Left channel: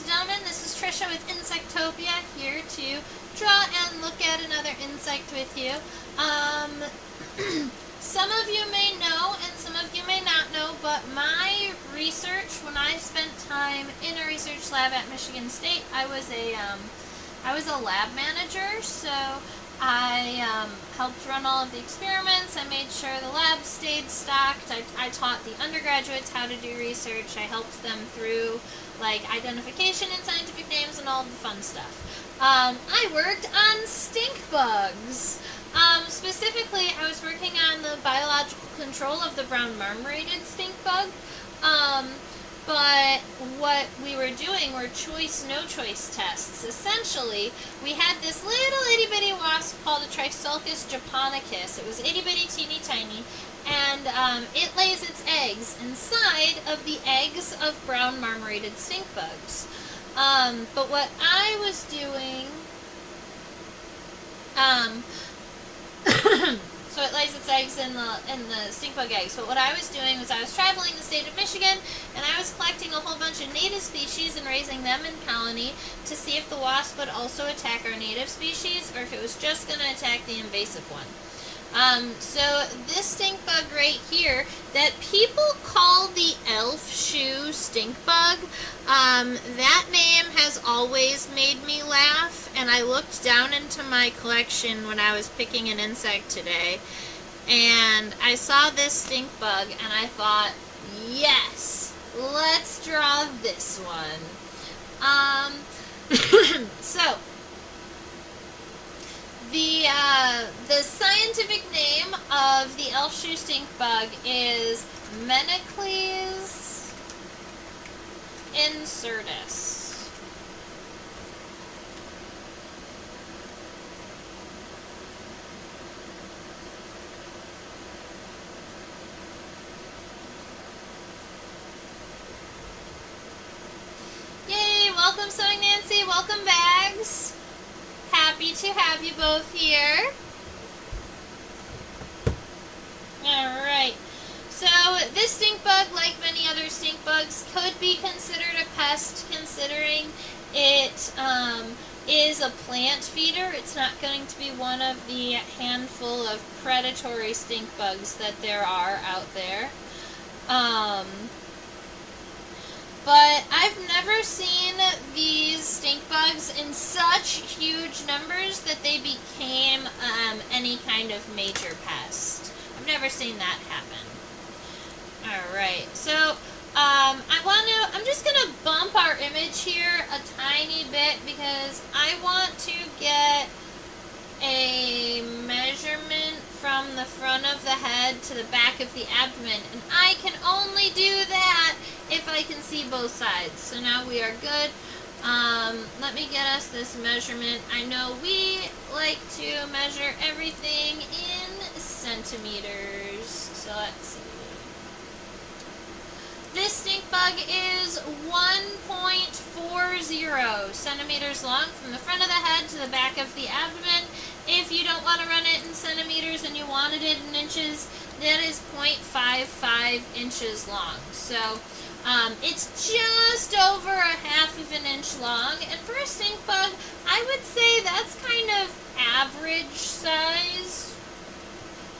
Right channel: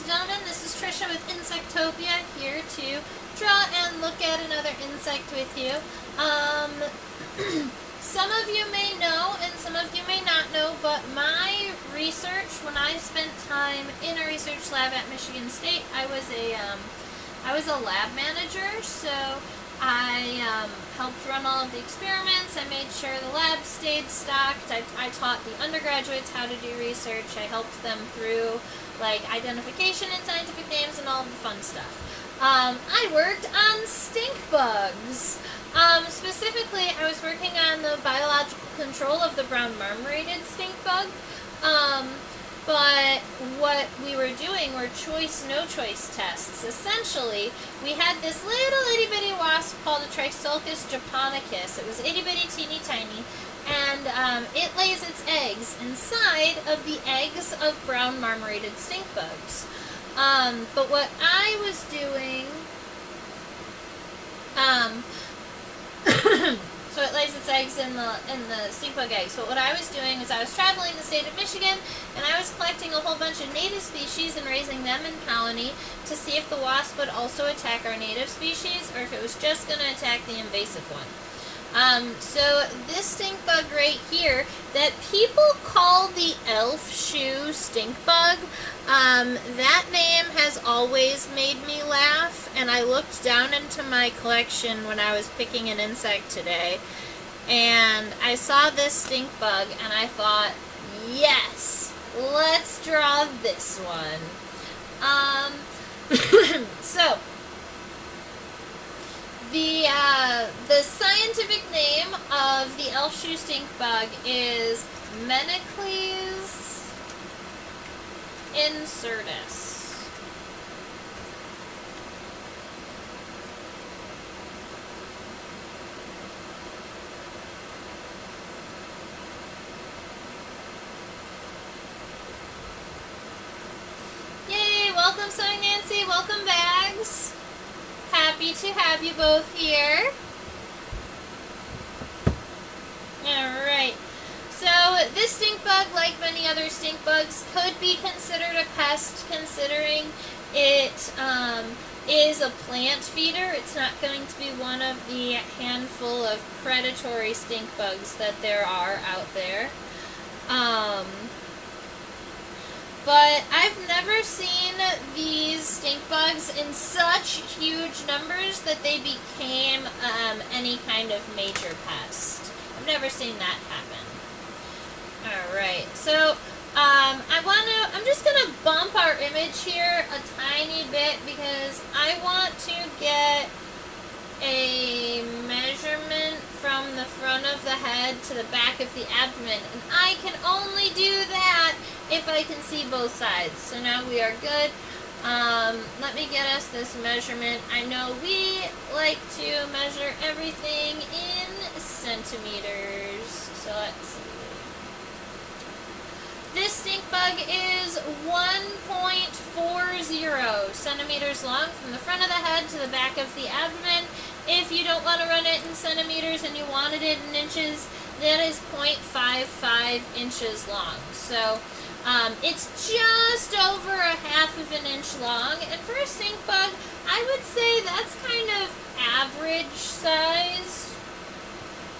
and gentlemen, this is Trisha with Insectopia, here to draw and look at another insect with you. Some of you may know and some of you may not know, but my research, when I spent time in a research lab at Michigan State, I was a lab manager, so I helped run all of the experiments. I made sure the lab stayed stocked. I taught the undergraduates how to do research. I helped them through like identification and scientific names and all the fun stuff. I worked on stink bugs. Specifically, I was working on the biological control of the brown marmorated stink bug. But what we were doing were choice-no-choice tests. Essentially, we had this little itty-bitty wasp called a Trisulcus japonicus. It was itty-bitty, teeny-tiny, and it lays its eggs inside of the eggs of brown marmorated stink bugs. But what I was doing... So it lays its eggs in the stink bug eggs. But what I was doing was I was traveling the state of Michigan, and I was collecting a whole bunch of native species and raising them in colony to see if the wasp would also attack our native species, or if it was just going to attack the invasive one. So this stink bug right here, that people call the elf shoe stink bug, that name has always made me laugh, and I looked down into my collection when I was picking an insect today, and I saw this stink bug, and I thought, yes, let's draw this one. So, the scientific name of the elf shoe stink bug is Menecles insertus. Yay! Welcome, Sewing Nancy. Welcome, Bags. Happy to have you both here. Alright, so this stink bug, like many other stink bugs, could be considered a pest, considering it is a plant feeder. It's not going to be one of the handful of predatory stink bugs that there are out there. But I've never seen these stink bugs in such huge numbers that they became any kind of major pest. I've never seen that happen. Alright, so I'm just going to bump our image here a tiny bit because I want to get a measurement from the front of the head to the back of the abdomen, and I can only do that if I can see both sides. So now we are good. Let me get us this measurement. I know we like to measure everything in centimeters, so let's see. This stink bug is 1.40 centimeters long from the front of the head to the back of the abdomen. If you don't want to run it in centimeters and you wanted it in inches, that is 0.55 inches long. So it's just over a half of an inch long, and for a stink bug, I would say that's kind of average size.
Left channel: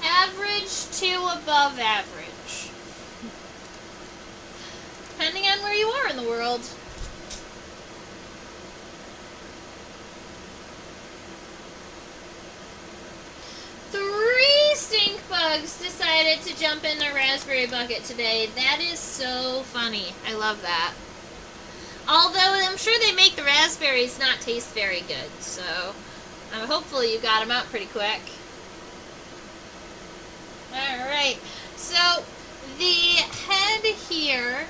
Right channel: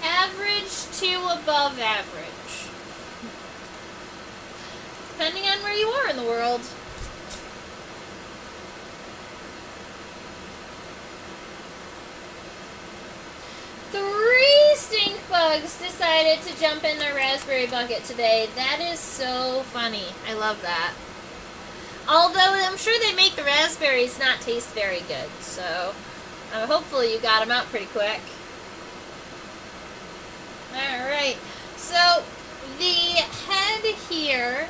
Average to above average. Depending on where you are in the world. Three stink bugs decided to jump in a raspberry bucket today. That is so funny. I love that. Although I'm sure they make the raspberries not taste very good. So hopefully you got them out pretty quick. Alright. So the head here,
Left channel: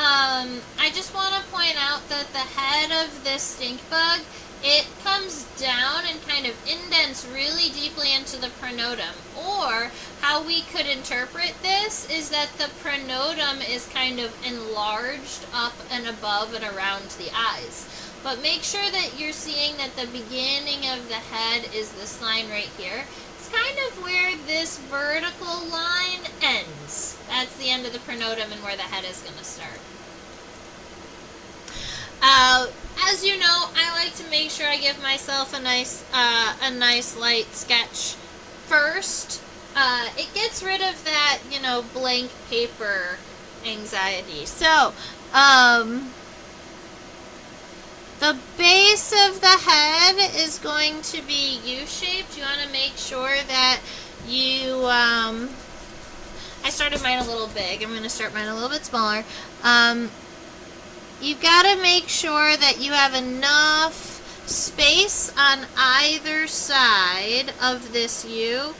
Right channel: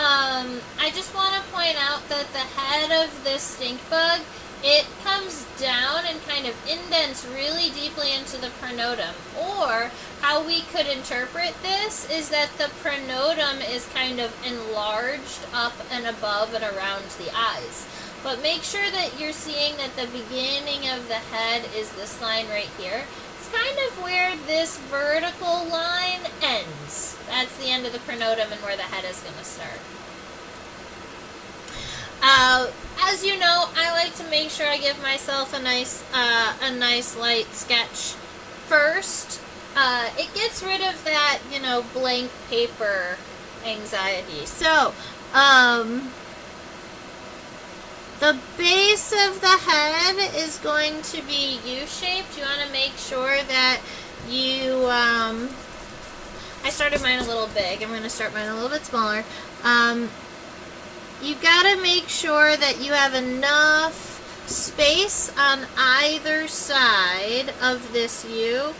I just want to point out that the head of this stink bug, it comes down and kind of indents really deeply into the pronotum. Or how we could interpret this is that the pronotum is kind of enlarged up and above and around the eyes. But make sure that you're seeing that the beginning of the head is this line right here. It's kind of where this vertical line ends. That's the end of the pronotum and where the head is going to start. As you know, I like to make sure I give myself a nice light sketch first. It gets rid of that, blank paper anxiety. So, the base of the head is going to be U-shaped. You want to make sure that you, I started mine a little big. I'm going to start mine a little bit smaller. You got to make sure that you have enough space on either side of this U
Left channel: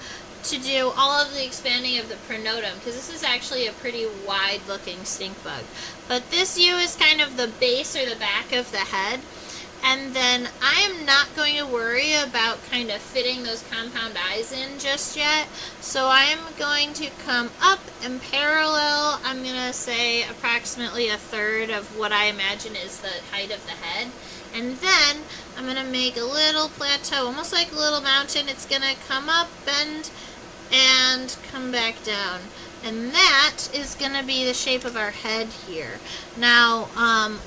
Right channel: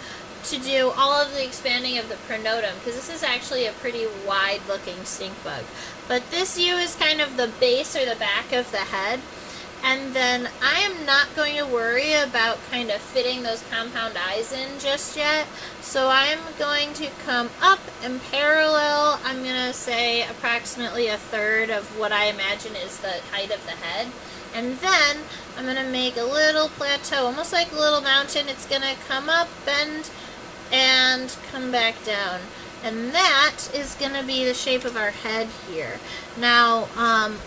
to do all of the expanding of the pronotum, because this is actually a pretty wide looking stink bug. But this U is kind of the base or the back of the head, and then I am not going to worry about kind of fitting those compound eyes in just yet. So I'm going to come up and parallel, I'm going to say approximately 1/3 of what I imagine is the height of the head. And then I'm going to make a little plateau, almost like a little mountain. It's going to come up, bend, and come back down. And that is going to be the shape of our head here. Now,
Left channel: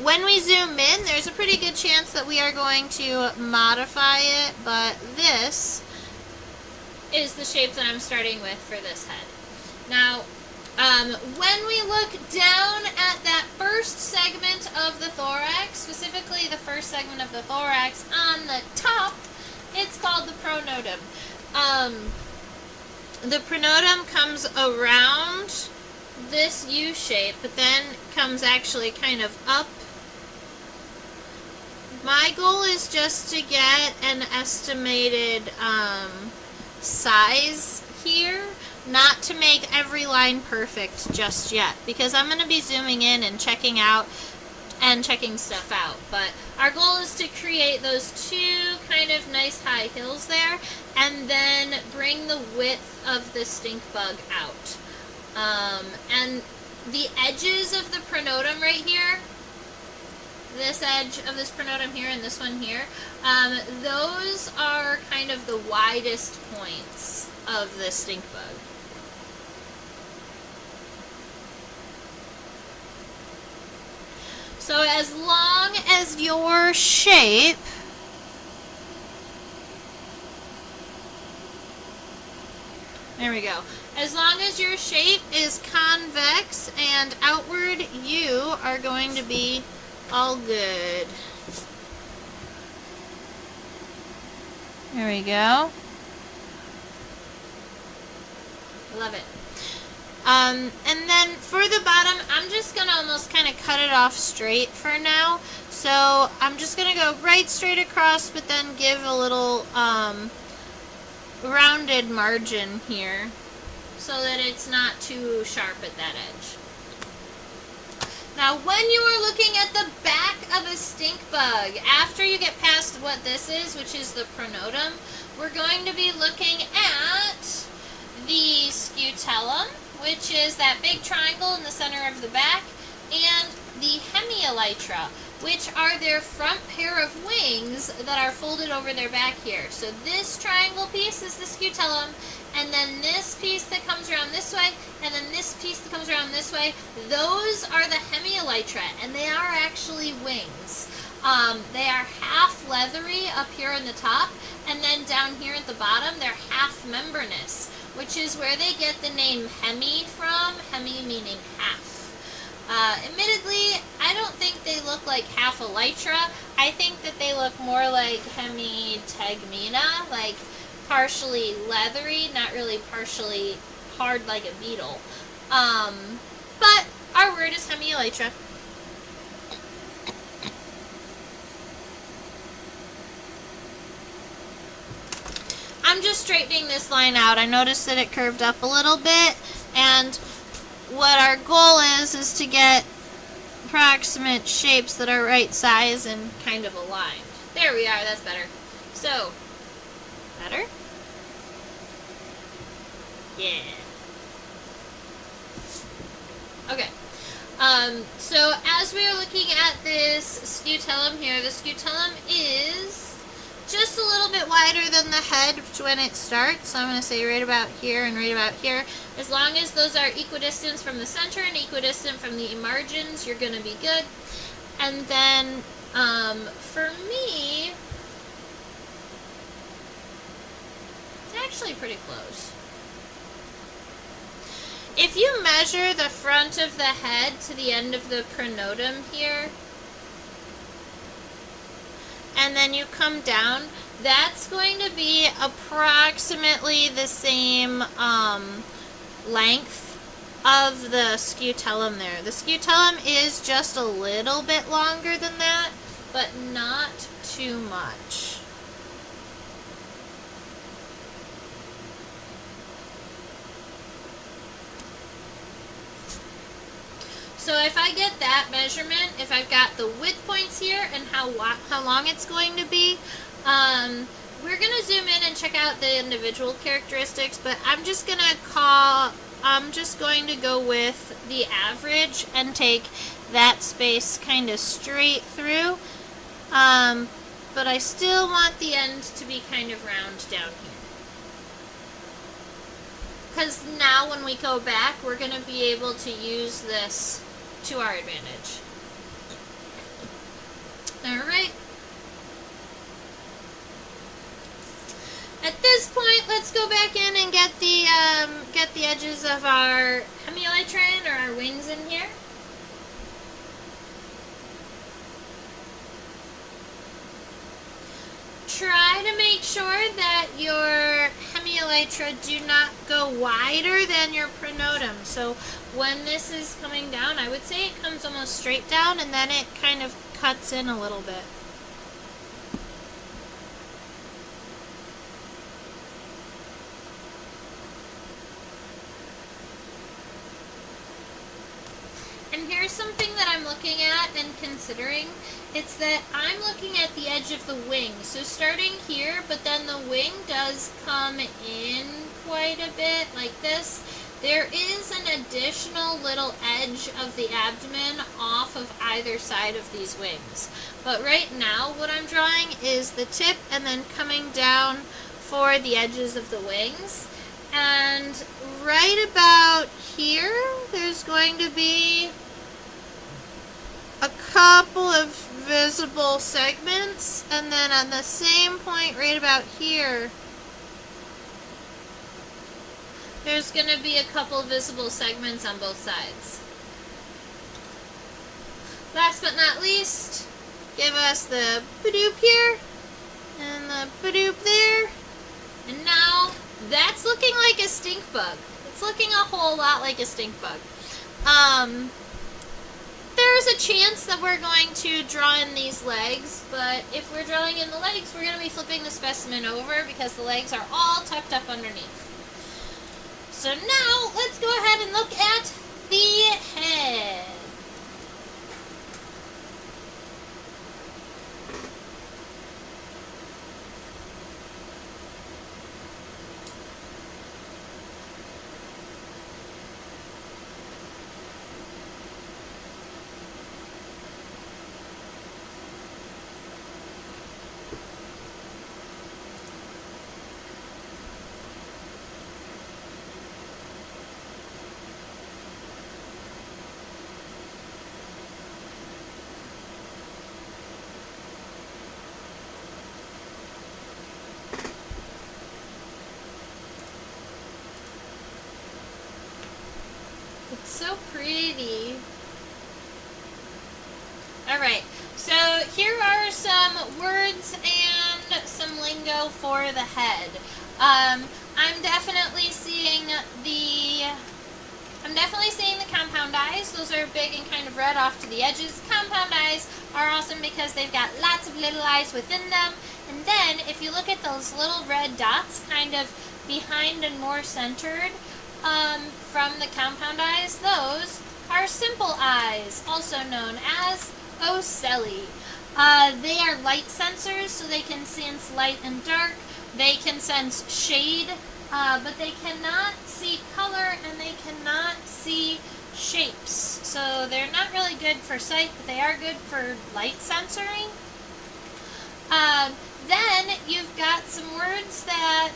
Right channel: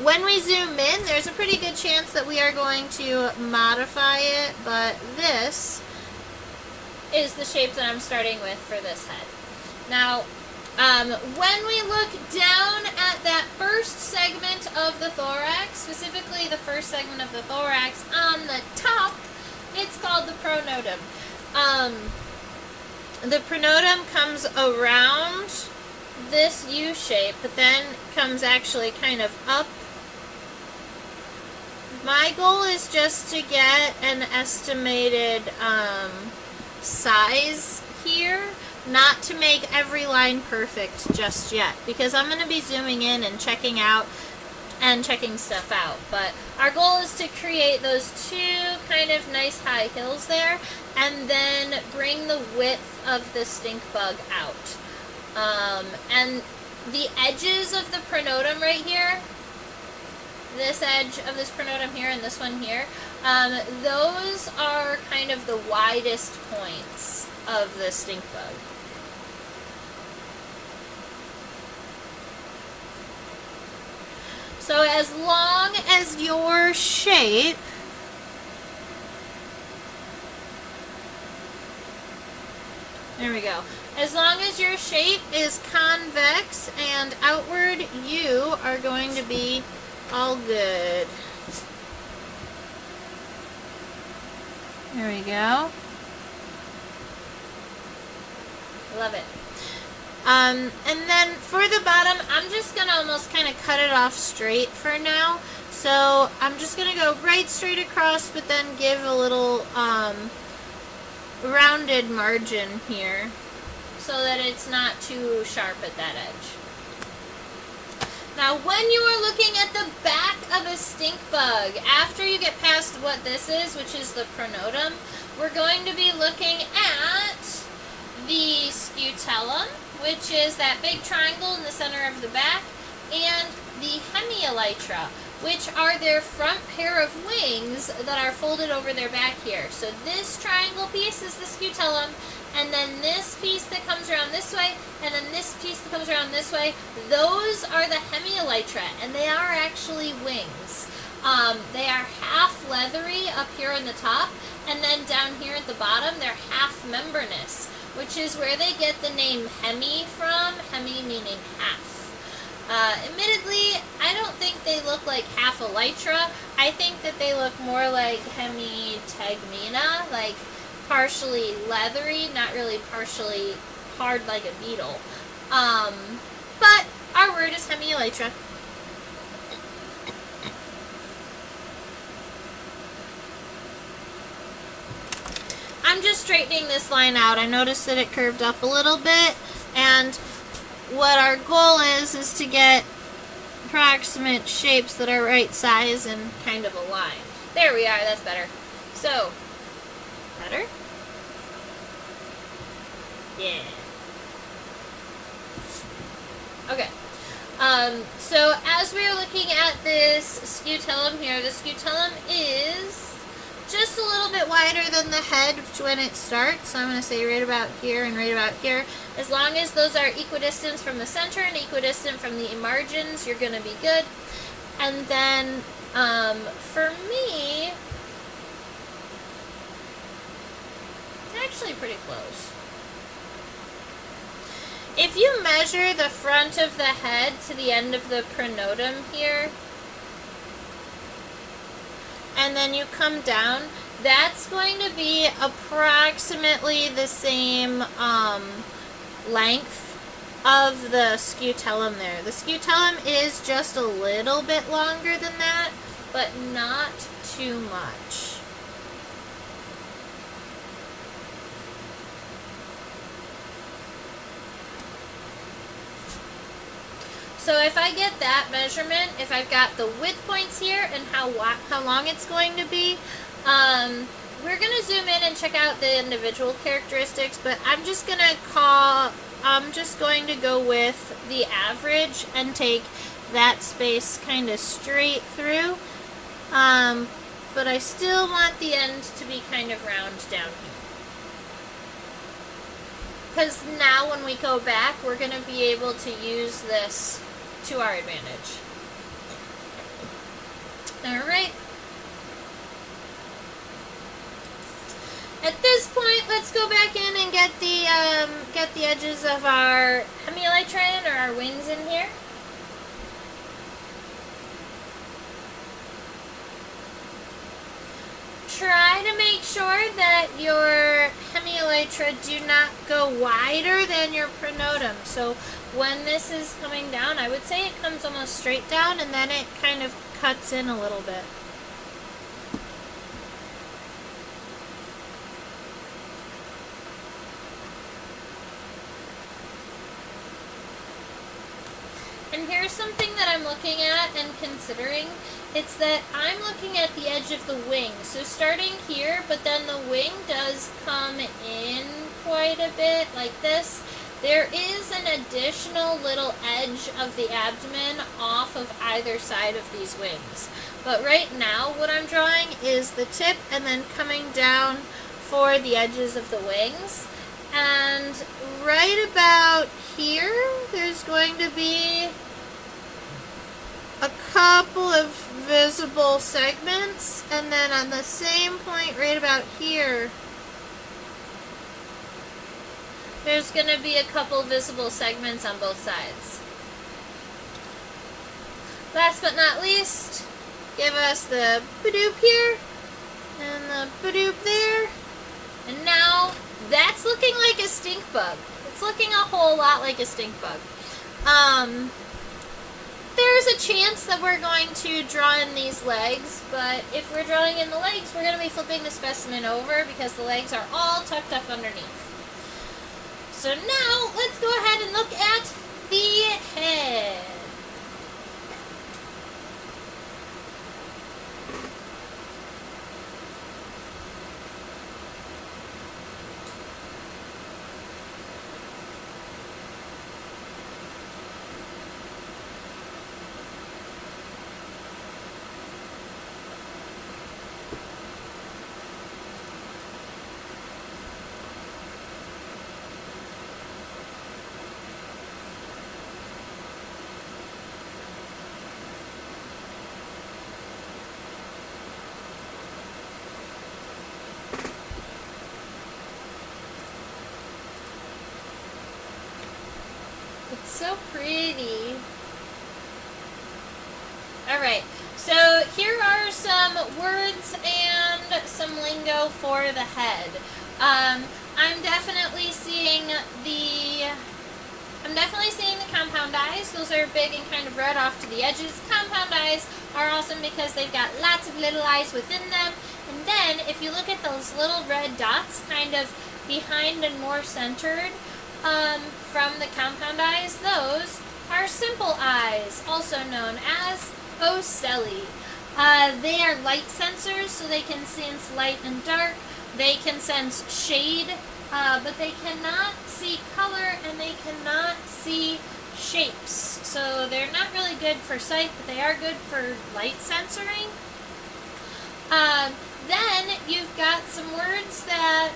when we zoom in, there's a pretty good chance that we are going to modify it, but this is the shape that I'm starting with for this head. Now, when we look down at that first segment of the thorax, specifically the first segment of the thorax on the top, it's called the pronotum. The pronotum comes around this U shape, but then comes actually kind of up. My goal is just to get an estimated size here, not to make every line perfect just yet, because I'm going to be zooming in and checking stuff out. But our goal is to create those two kind of nice high hills there, and then bring the width of the stink bug out. And the edges of the pronotum right here, this edge of this pronotum here and this one here, those are kind of the widest points of the stink bug. So as long as your shape there we go. As long as your shape is convex and outward, you are going to be all good. There we go. Love it. And then for the bottom, I'm just going to almost kind of cut it off straight for now. So I'm just going to go right straight across, but then give a little rounded margin here so that it's not too sharp at that edge. Now when you are looking at the back of a stink bug, after you get past what this is, which is the pronotum, we're going to be looking at the scutellum, which is that big triangle in the center of the back, and the hemielytra, which are their front pair of wings that are folded over their back here. So this triangle piece is the scutellum, and then this piece that comes around this way, and then this piece that comes around this way, those are the hemielytra, and they are actually wings. They are half leathery up here on the top, and then down here at the bottom, they're half membranous, which is where they get the name hemi from, hemi meaning half. Admittedly, I don't think they look like half elytra. I think that they look more like hemitegmina, like partially leathery, not really partially hard like a beetle. But our word is hemielytra. I'm just straightening this line out. I noticed that it curved up a little bit, and what our goal is to get approximate shapes that are right size and kind of aligned. There we are, that's better. So, better? Yeah. Okay. So as we are looking at this scutellum here, the scutellum is just a little bit wider than the head when it starts. So I'm going to say right about here and right about here. As long as those are equidistant from the center and equidistant from the margins, you're going to be good. And then for me, it's actually pretty close. If you measure the front of the head to the end of the pronotum here, and then you come down, that's going to be approximately the same length of the scutellum there. The scutellum is just a little bit longer than that, but not too much. So if I get that measurement, if I've got the width points here and how long it's going to be, we're going to zoom in and check out the individual characteristics, but I'm just going to go with the average and take that space kind of straight through, but I still want the end to be kind of round down here. Because now when we go back, we're going to be able to use this to our advantage. Alright. At this point, let's go back in and get the edges of our hemelytron, or our wings, in here. Try to make sure that your hemelytra do not go wider than your pronotum. So when this is coming down, I would say it comes almost straight down, and then it kind of cuts in a little bit. And here's something that I'm looking at and considering. It's that I'm looking at the edge of the wing. So starting here, but then the wing does come in quite a bit like this. There is an additional little edge of the abdomen off of either side of these wings. But right now what I'm drawing is the tip and then coming down for the edges of the wings. And right about here, there's going to be a couple of visible segments, and then on the same point right about here, there's going to be a couple visible segments on both sides. Last but not least, give us the badoop here, and the badoop there, and now that's looking like a stink bug. It's looking a whole lot like a stink bug. There's a chance that we're going to draw in these legs, but if we're drawing in the legs, we're going to be flipping the specimen over because the legs are all tucked up underneath. So now, let's go ahead and look at the head. So pretty. Alright, so here are some words and some lingo for the head. I'm definitely seeing the compound eyes. Those are big and kind of red off to the edges. Compound eyes are awesome because they've got lots of little eyes within them. And then if you look at those little red dots kind of behind and more centered, from the compound eyes, those are simple eyes, also known as ocelli. They are light sensors, so they can sense light and dark. They can sense shade, but they cannot see color and they cannot see shapes. So they're not really good for sight, but they are good for light sensoring. Then you've got some words that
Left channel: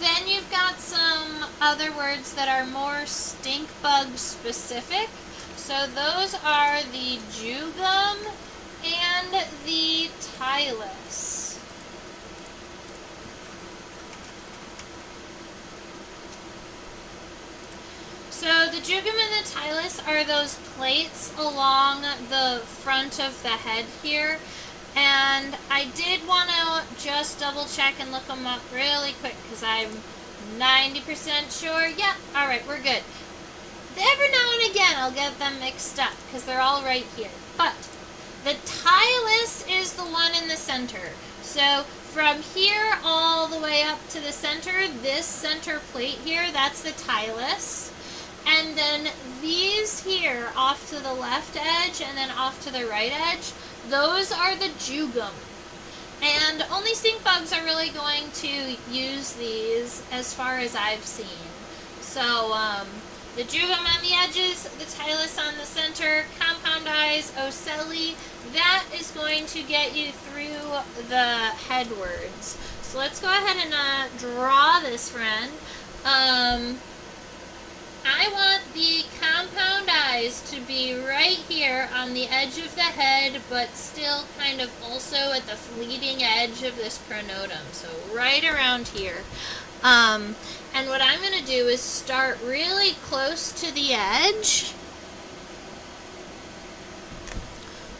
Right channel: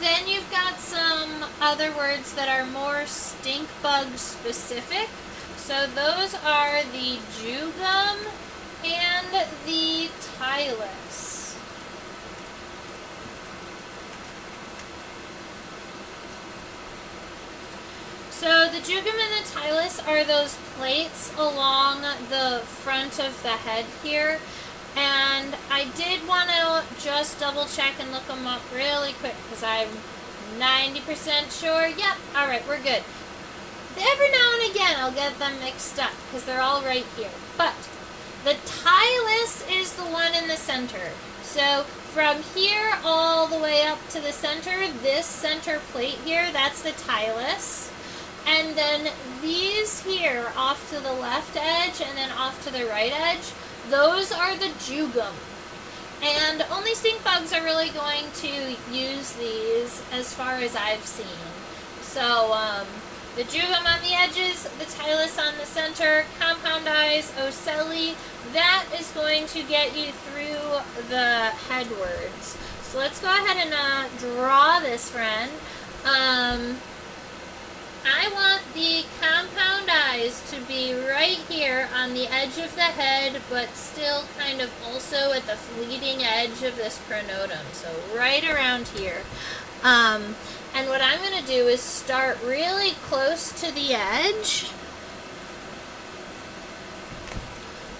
Then you've got some other words that are more stink bug specific. So those are the jugum and the tylus. So the jugum and the tylus are those plates along the front of the head here. And I did want to just double check and look them up really quick because I'm 90% sure. Yep, alright, we're good. Every now and again I'll get them mixed up because they're all right here. But the tylus is the one in the center. So from here all the way up to the center, this center plate here, that's the tylus. And then these here off to the left edge and then off to the right edge, those are the jugum. And only stink bugs are really going to use these as far as I've seen. So the jugum on the edges, the tylus on the center, compound eyes, ocelli, that is going to get you through the head words. So let's go ahead and draw this friend. I want the compound eyes to be right here on the edge of the head, but still kind of also at the leading edge of this pronotum. So right around here. And what I'm going to do is start really close to the edge.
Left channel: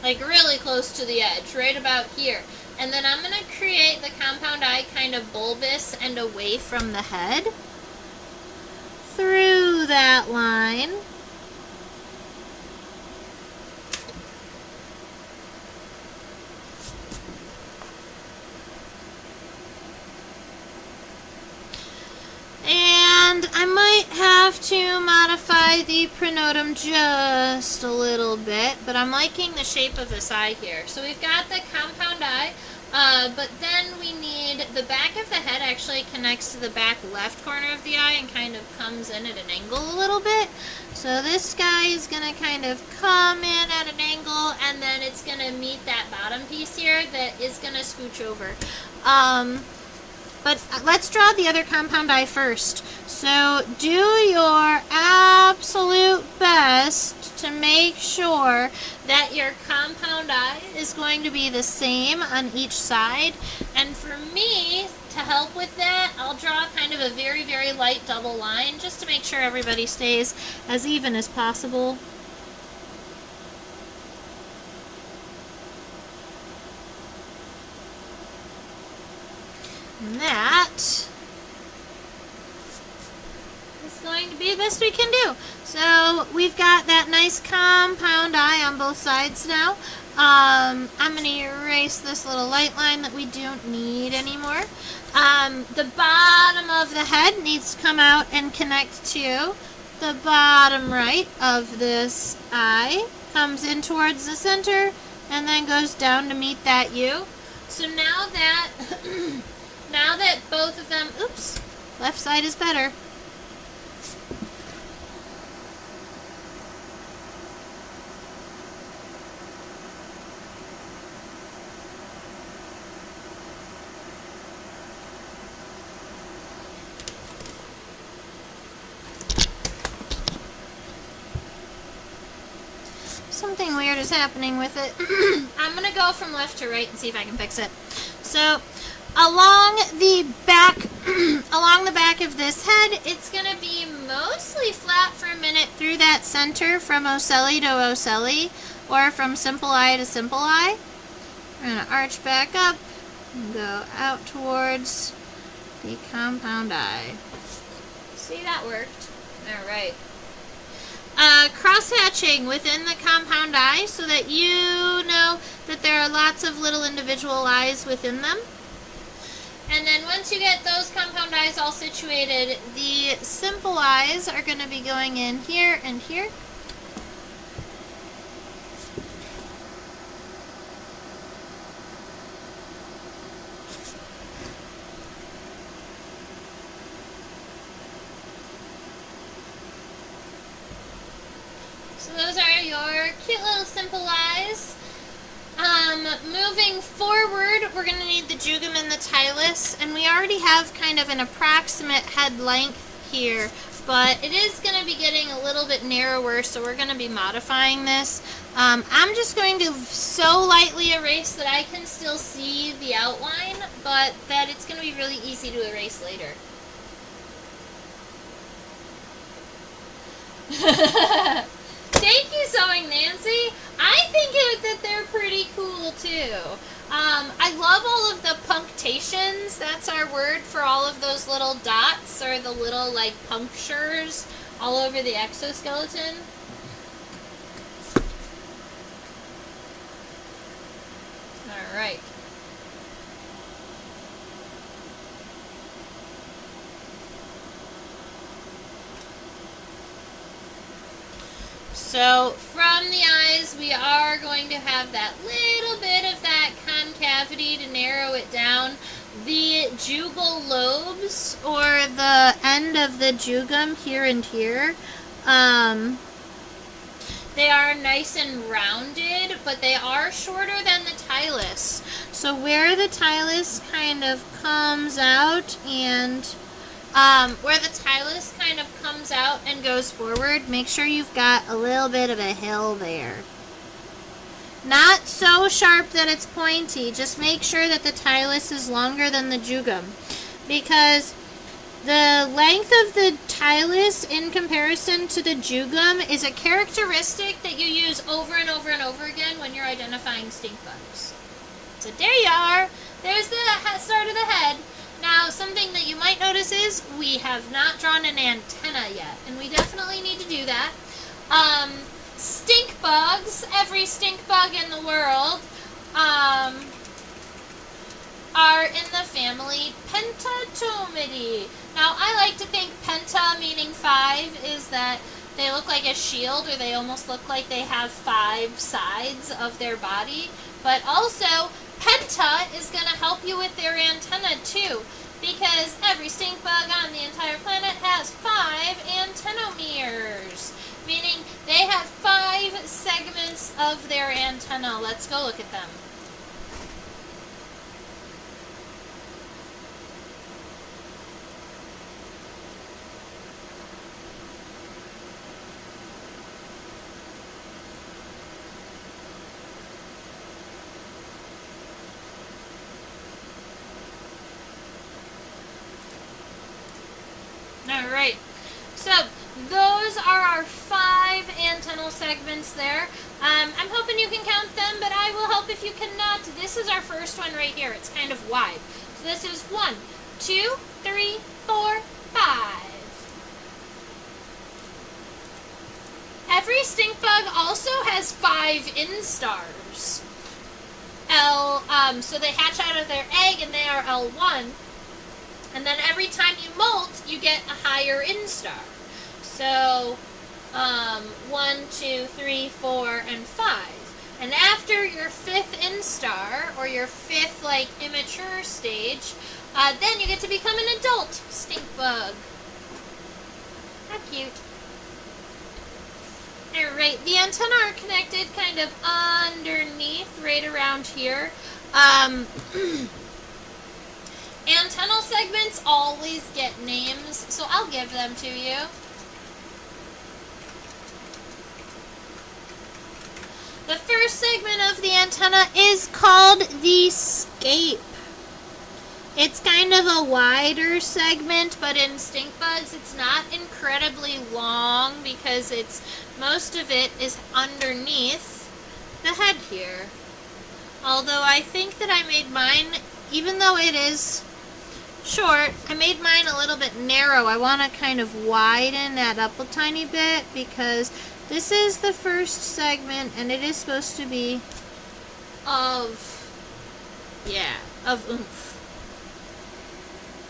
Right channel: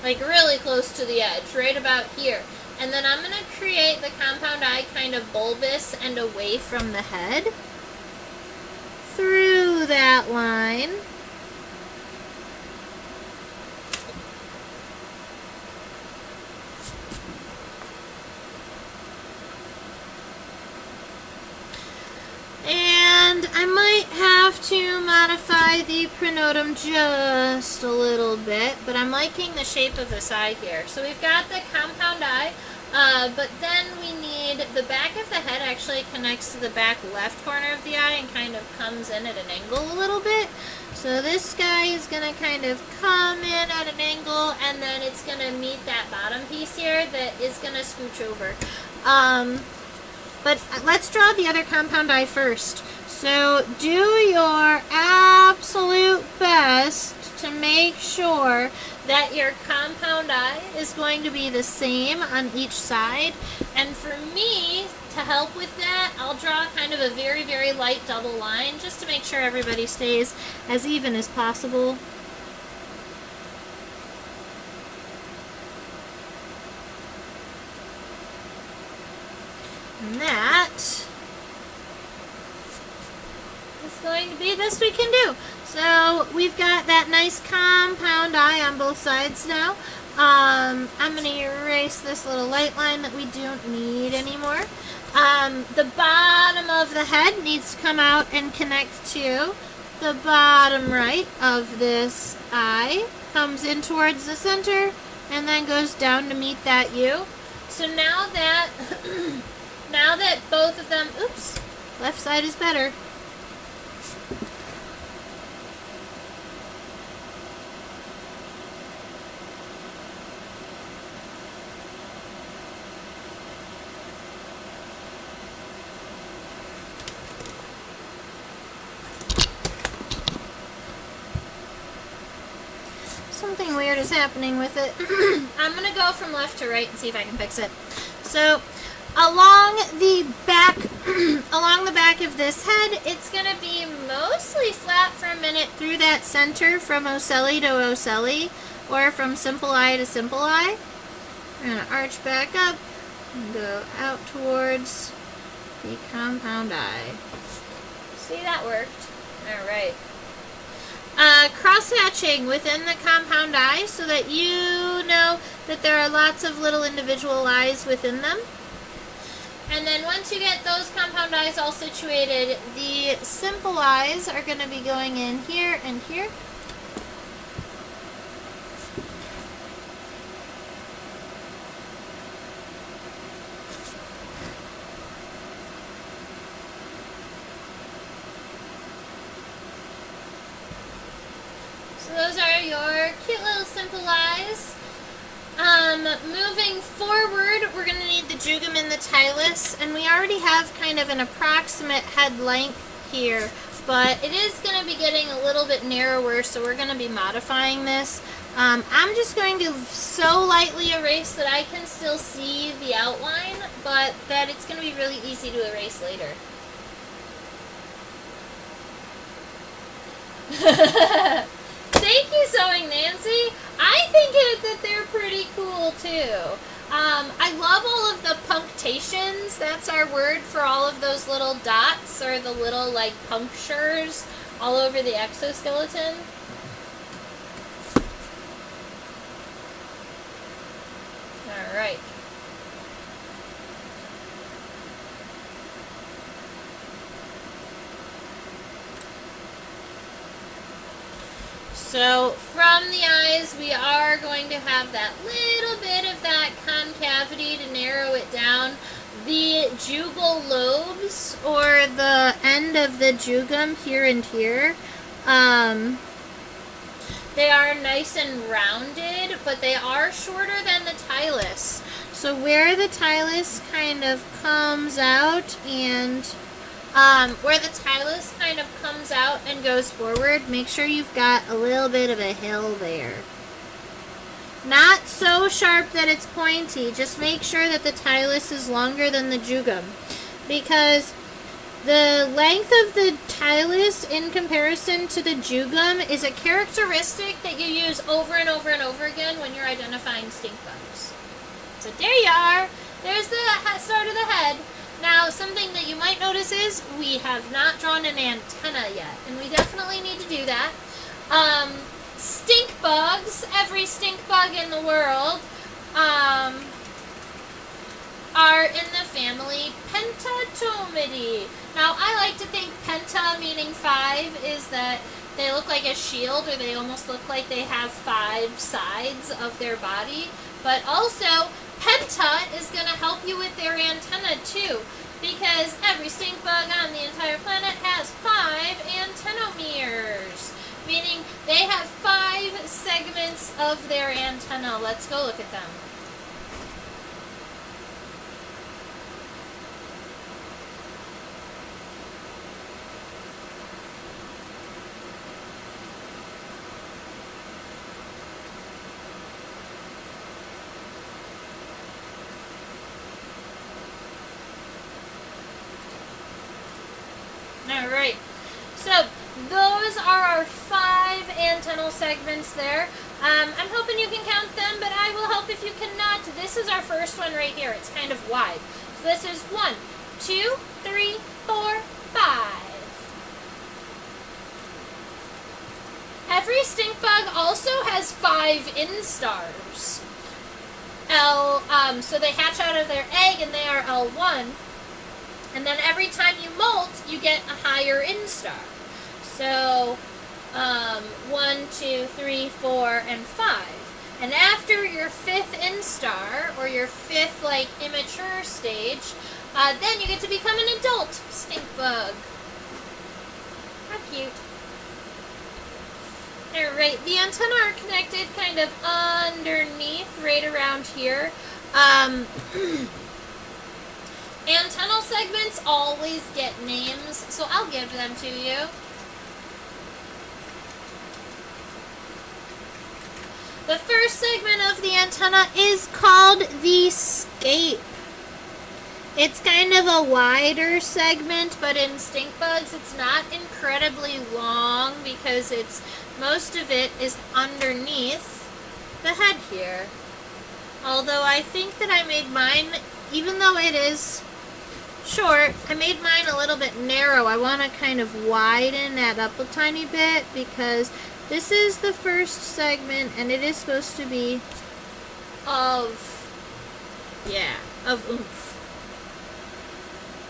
Like really close to the edge, right about here. And then I'm going to create the compound eye kind of bulbous and away from the head. Through that line. And I might have to modify the pronotum just a little bit, but I'm liking the shape of this eye here. So we've got the compound eye. But then we need, the back of the head actually connects to the back left corner of the eye and kind of comes in at an angle a little bit. So this guy is going to kind of come in at an angle and then it's going to meet that bottom piece here that is going to scooch over. But let's draw the other compound eye first. So do your absolute best to make sure that your compound eye is going to be the same on each side. And for me, to help with that, I'll draw kind of a very, very light double line just to make sure everybody stays as even as possible. And that is going to be the best we can do. So we've got that nice compound eye on both sides now. I'm going to erase this little light line that we don't need anymore. The bottom of the head needs to come out and connect to the bottom right of this eye. Comes in towards the center and then goes down to meet that U. So now that now that both of them, oops, left side is better. Something weird is happening with it. I'm going to go from left to right and see if I can fix it. So along the back of this head, it's going to be mostly flat for a minute through that center from ocelli to ocelli, or from simple eye to simple eye. We're going to arch back up and go out towards the compound eye. See, that worked. All right. Cross-hatching within the compound eye so that you know that there are lots of little individual eyes within them. And then once you get those compound eyes all situated, the simple eyes are going to be going in here and here. So those are your cute little simple eyes. Moving forward, we're going to need the jugum and the tilus, and we already have kind of an approximate head length here, but it is going to be getting a little bit narrower, so we're going to be modifying this. I'm just going to so lightly erase that I can still see the outline, but that it's going to be really easy to erase later. Thank you, Sewing Nancy. I think that they're pretty cool too. I love all of the punctations. That's our word for all of those little dots or the little like punctures all over the exoskeleton. All right. So from the eyes, we are going to have that little bit of that concavity to narrow it down. The jugal lobes, or the end of the jugum here and here, they are nice and rounded, but they are shorter than the tilus. So where the tilus kind of comes out and where the tilus kind of comes out and goes forward, make sure you've got a little bit of a hill there. Not so sharp that it's pointy, just make sure that the tilus is longer than the jugum, because the length of the tilus in comparison to the jugum is a characteristic that you use over and over and over again when you're identifying stink bugs. So there you are. There's the start of the head. Now, something that you might notice is we have not drawn an antenna yet, and we definitely need to do that. Stink bugs, every stink bug in the world, are in the family Pentatomidae. Now, I like to think penta, meaning 5, is that they look like a shield, or they almost look like they have 5 sides of their body. But also, penta is going to help you with their antenna too, because every stink bug on the entire planet has 5 antennomeres, meaning they have 5 segments of their antenna. Let's go look at them. Alright, so those are our 5 antennal segments there. I'm hoping you can count them, but I will help if you cannot. This is our first one right here. It's kind of wide. So this is 1, 2, 3, 4, 5. Every stink bug also has 5 instars. So they hatch out of their egg and they are L1. And then every time you molt, you get a higher instar. So, 1, 2, 3, 4, and 5. And after your 5th instar, or your 5th, like, immature stage, then you get to become an adult stink bug. How cute. Alright, the antennae are connected kind of underneath, right around here. Antennal segments always get names, so I'll give them to you. The first segment of the antenna is called the scape. It's kind of a wider segment, but in stink bugs it's not incredibly long because most of it is underneath the head here. Although I think that I made mine, even though it is short, I made mine a little bit narrow. I want to kind of widen that up a tiny bit because this is the first segment and it is supposed to be of oomph.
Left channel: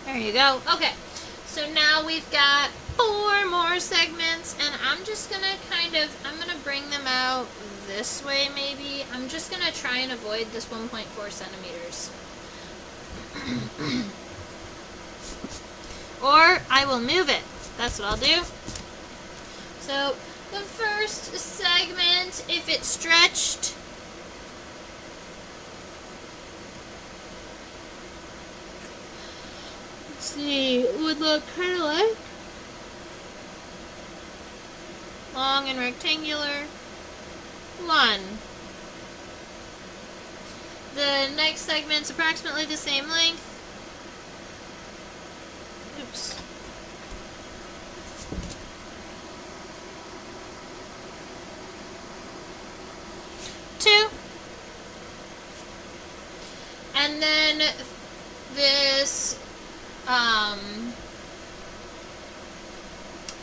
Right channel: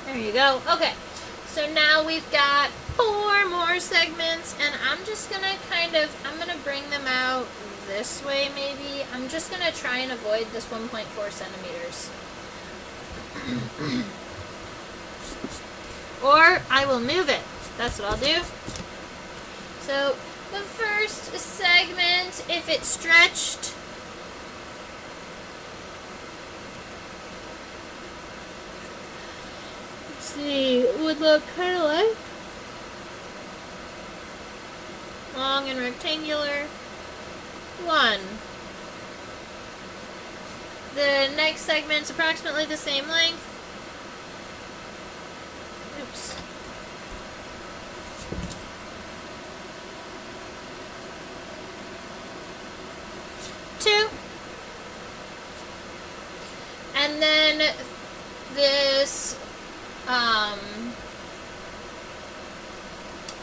There you go. Okay, so now we've got 4 more segments, and I'm just going to I'm going to bring them out this way maybe. I'm just going to try and avoid this 1.4 centimeters. Or I will move it. That's what I'll do. So the first segment, if it's stretched, see, would look kind of like long and rectangular. 1. The next segment's approximately the same length. Oops. 2. And then this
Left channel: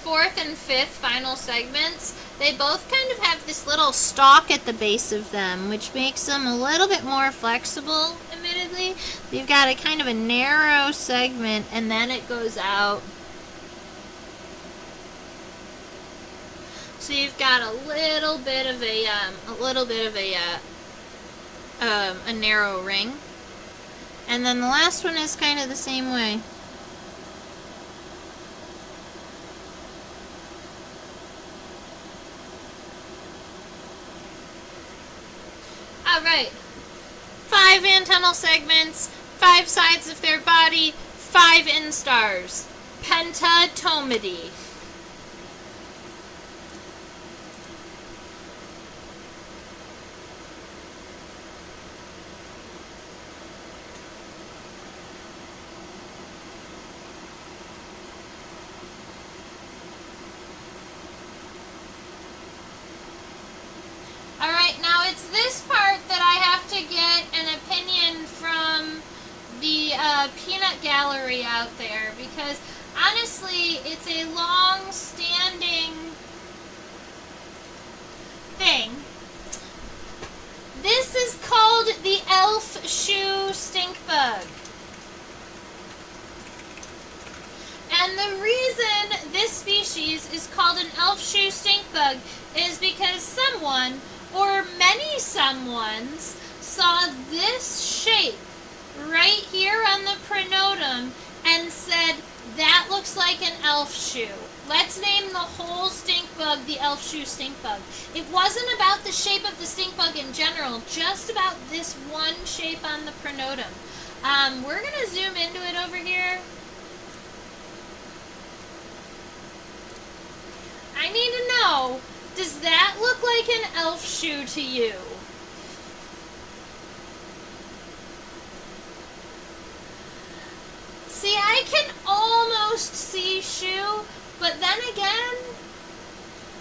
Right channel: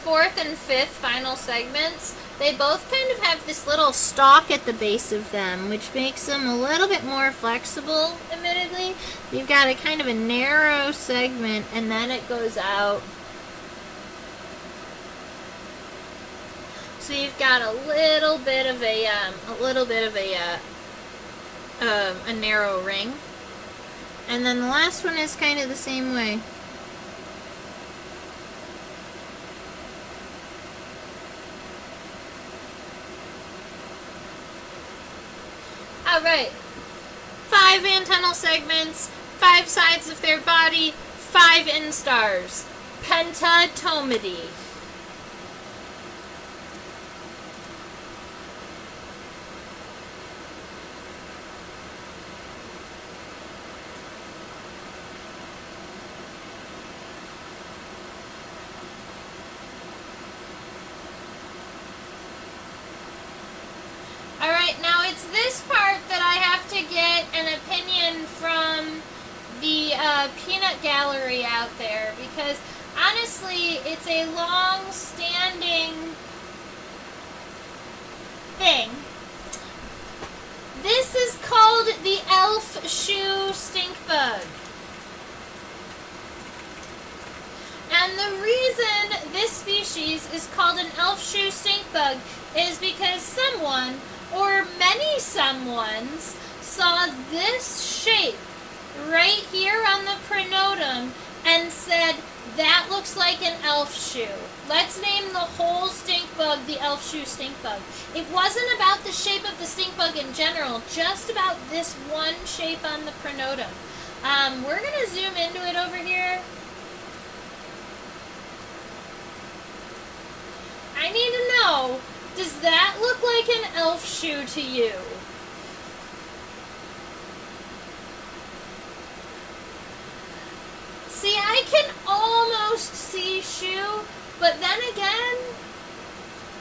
4th and 5th final segments, they both kind of have this little stalk at the base of them, which makes them a little bit more flexible, admittedly. You've got a kind of a narrow segment, and then it goes out. So you've got a little bit of a narrow ring. And then the last one is kind of the same way. Alright, 5 antennal segments, 5 sides of their body, 5 instars. Pentatomidae. Alright, now it's this part that I have to get an opinion from the peanut gallery out there, because honestly, it's a long-standing thing. This is called the elf shoe stink bug. And the reason this species is called an elf shoe stink bug is because someone, or many someones, saw this shape right here on the pronotum and said, that looks like an elf shoe. Let's name the whole stink bug the elf shoe stink bug. It wasn't about the shape of the stink bug in general, just about this one shape on the pronotum. We're going to zoom into it over here. I need to know, does that look like an elf shoe to you? See, I can almost see shoe, but then again,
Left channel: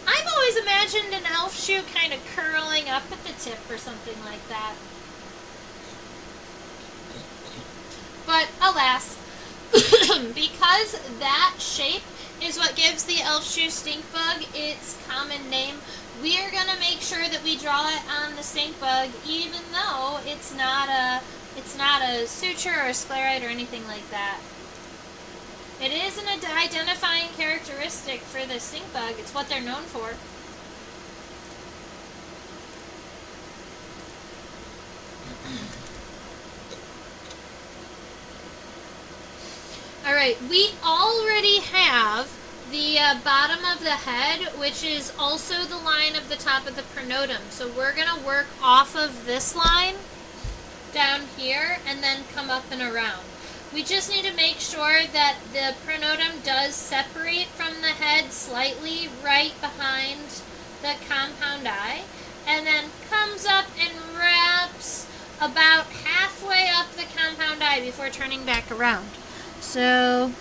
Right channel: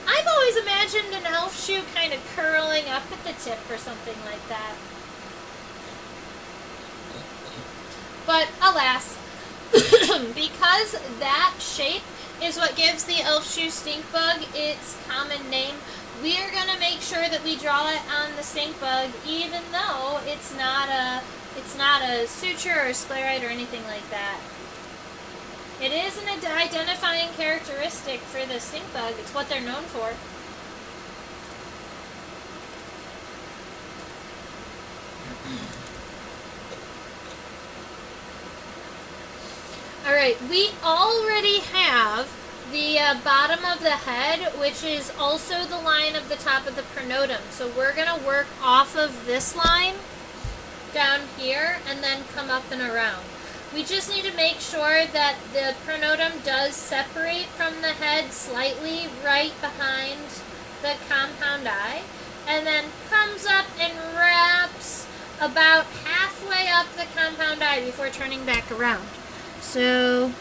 I've always imagined an elf shoe kind of curling up at the tip or something like that. But alas, because that shape is what gives the elf shoe stink bug its common name, we are going to make sure that we draw it on the stink bug, even though it's not a suture or a scleroid or anything like that. It is an identifying characteristic for the stink bug. It's what they're known for. Alright, we already have the bottom of the head, which is also the line of the top of the pronotum. So we're going to work off of this line down here and then come up and around. We just need to make sure that the pronotum does separate from the head slightly right behind the compound eye, and then comes up and wraps about halfway up the compound eye before turning back around. So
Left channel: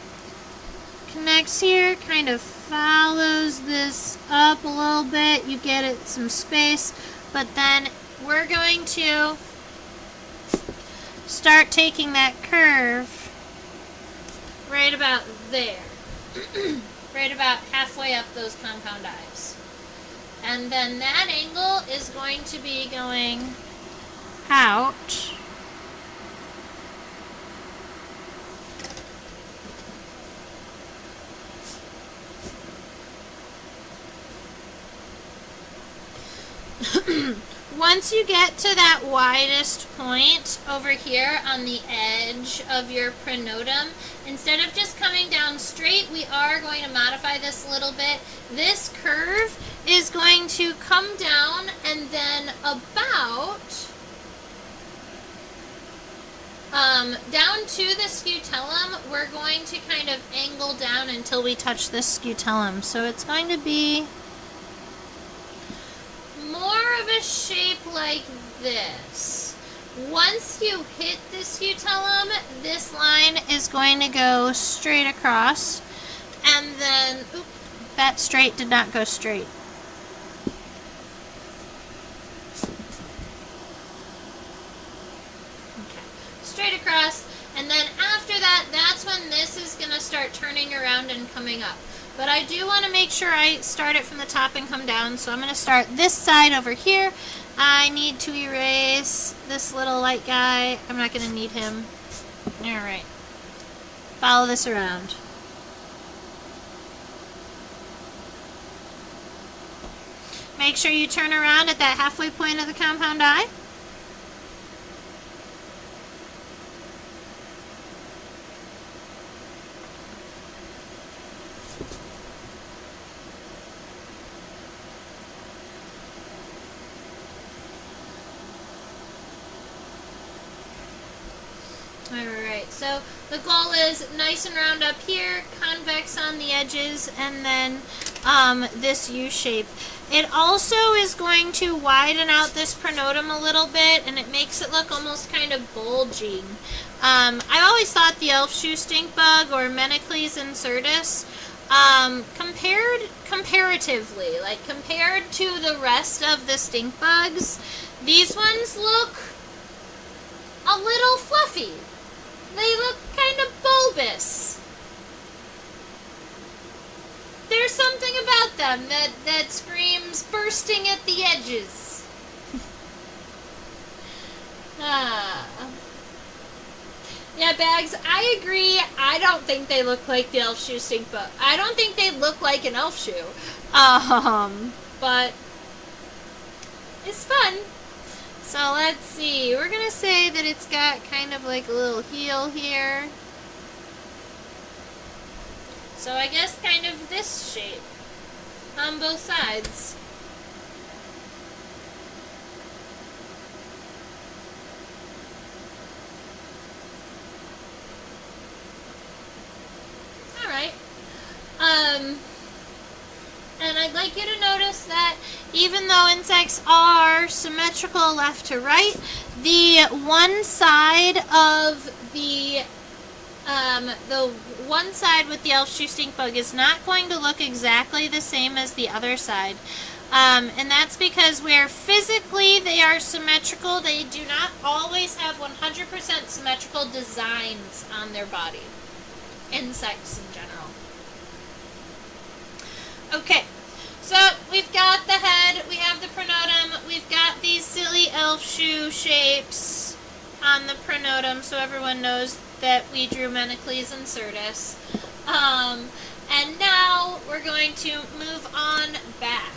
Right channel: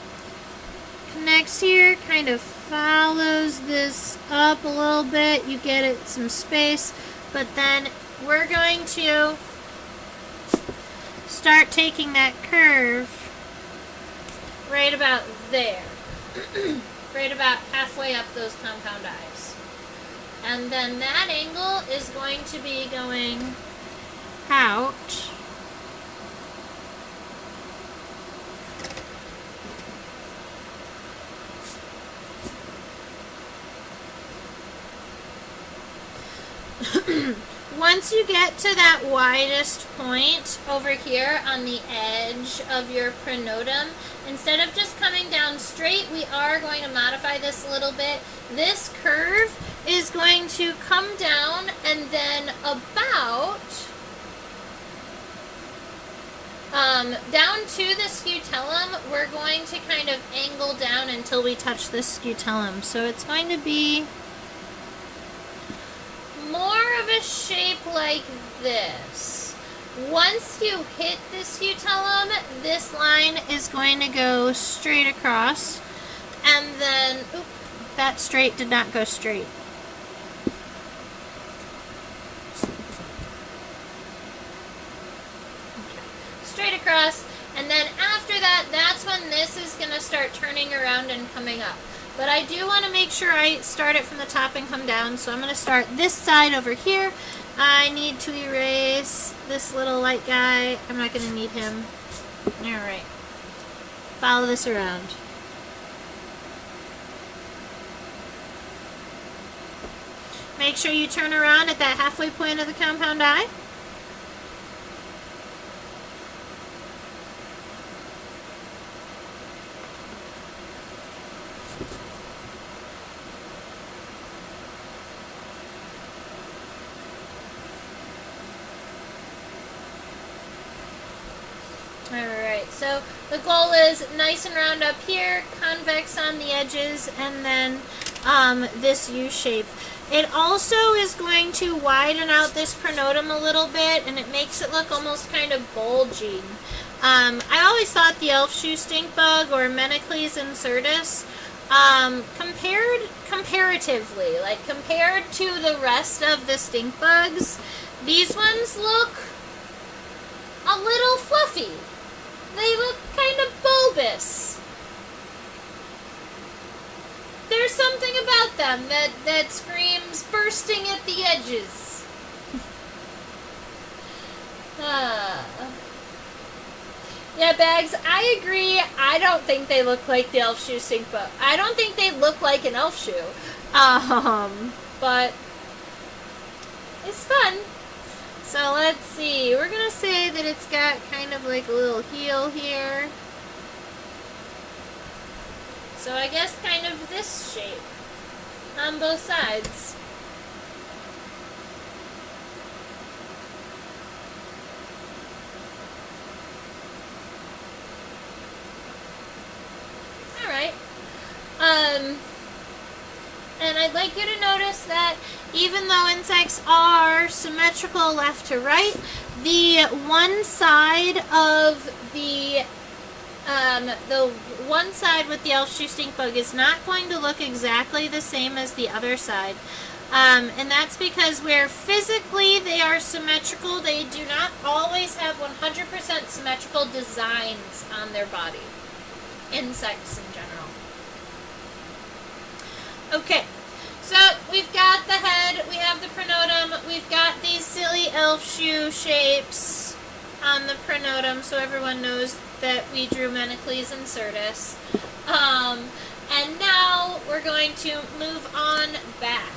connects here, kind of follows this up a little bit. You get it some space, but then we're going to start taking that curve right about there. Right about halfway up those compound eyes. And then that angle is going to be going out. Once you get to that widest point over here on the edge of your pronotum, instead of just coming down straight, we are going to modify this a little bit. This curve is going to come down and then about Down to the scutellum, we're going to kind of angle down until we touch the scutellum. So it's going to be more of a shape like this. Once you hit the scutellum, this line is going to go straight across, and then, oop, that straight did not go straight. Straight across, and then after that, that's when this is going to start turning around and coming up. But I do want to make sure I start it from the top and come down, so I'm going to start this side over here. I need to erase this little light guy. I'm not going to need him. Alright. Follow this around. Make sure you turn around at that halfway point of the compound eye. Alright, so the goal is nice and round up here, convex on the edges, and then this U shape. It also is going to widen out this pronotum a little bit, and it makes it look almost kind of bulging. I always thought the elf shoe stink bug, or Menecles insertus, comparatively, like compared to the rest of the stink bugs, these ones look a little fluffy. They look kind of bulbous. There's something about them that screams bursting at the edges. Yeah, Bags, I agree. I don't think they look like the elf shoe stink bug. I don't think they look like an elf shoe. But it's fun. So let's see. We're going to say that it's got kind of like a little heel here. So I guess kind of this shape on both sides. Alright. And I'd like you to notice that even though insects are symmetrical left to right, the one side of the one side with the elf shoe stink bug is not going to look exactly the same as the other side. And that's because where physically they are symmetrical, they do not always have 100% symmetrical designs on their body. Insects in general. Okay, so we've got the head, we have the pronotum, we've got these silly elf shoe shapes on the pronotum, so everyone knows that we drew Menecles insertus. And now we're going to move on back.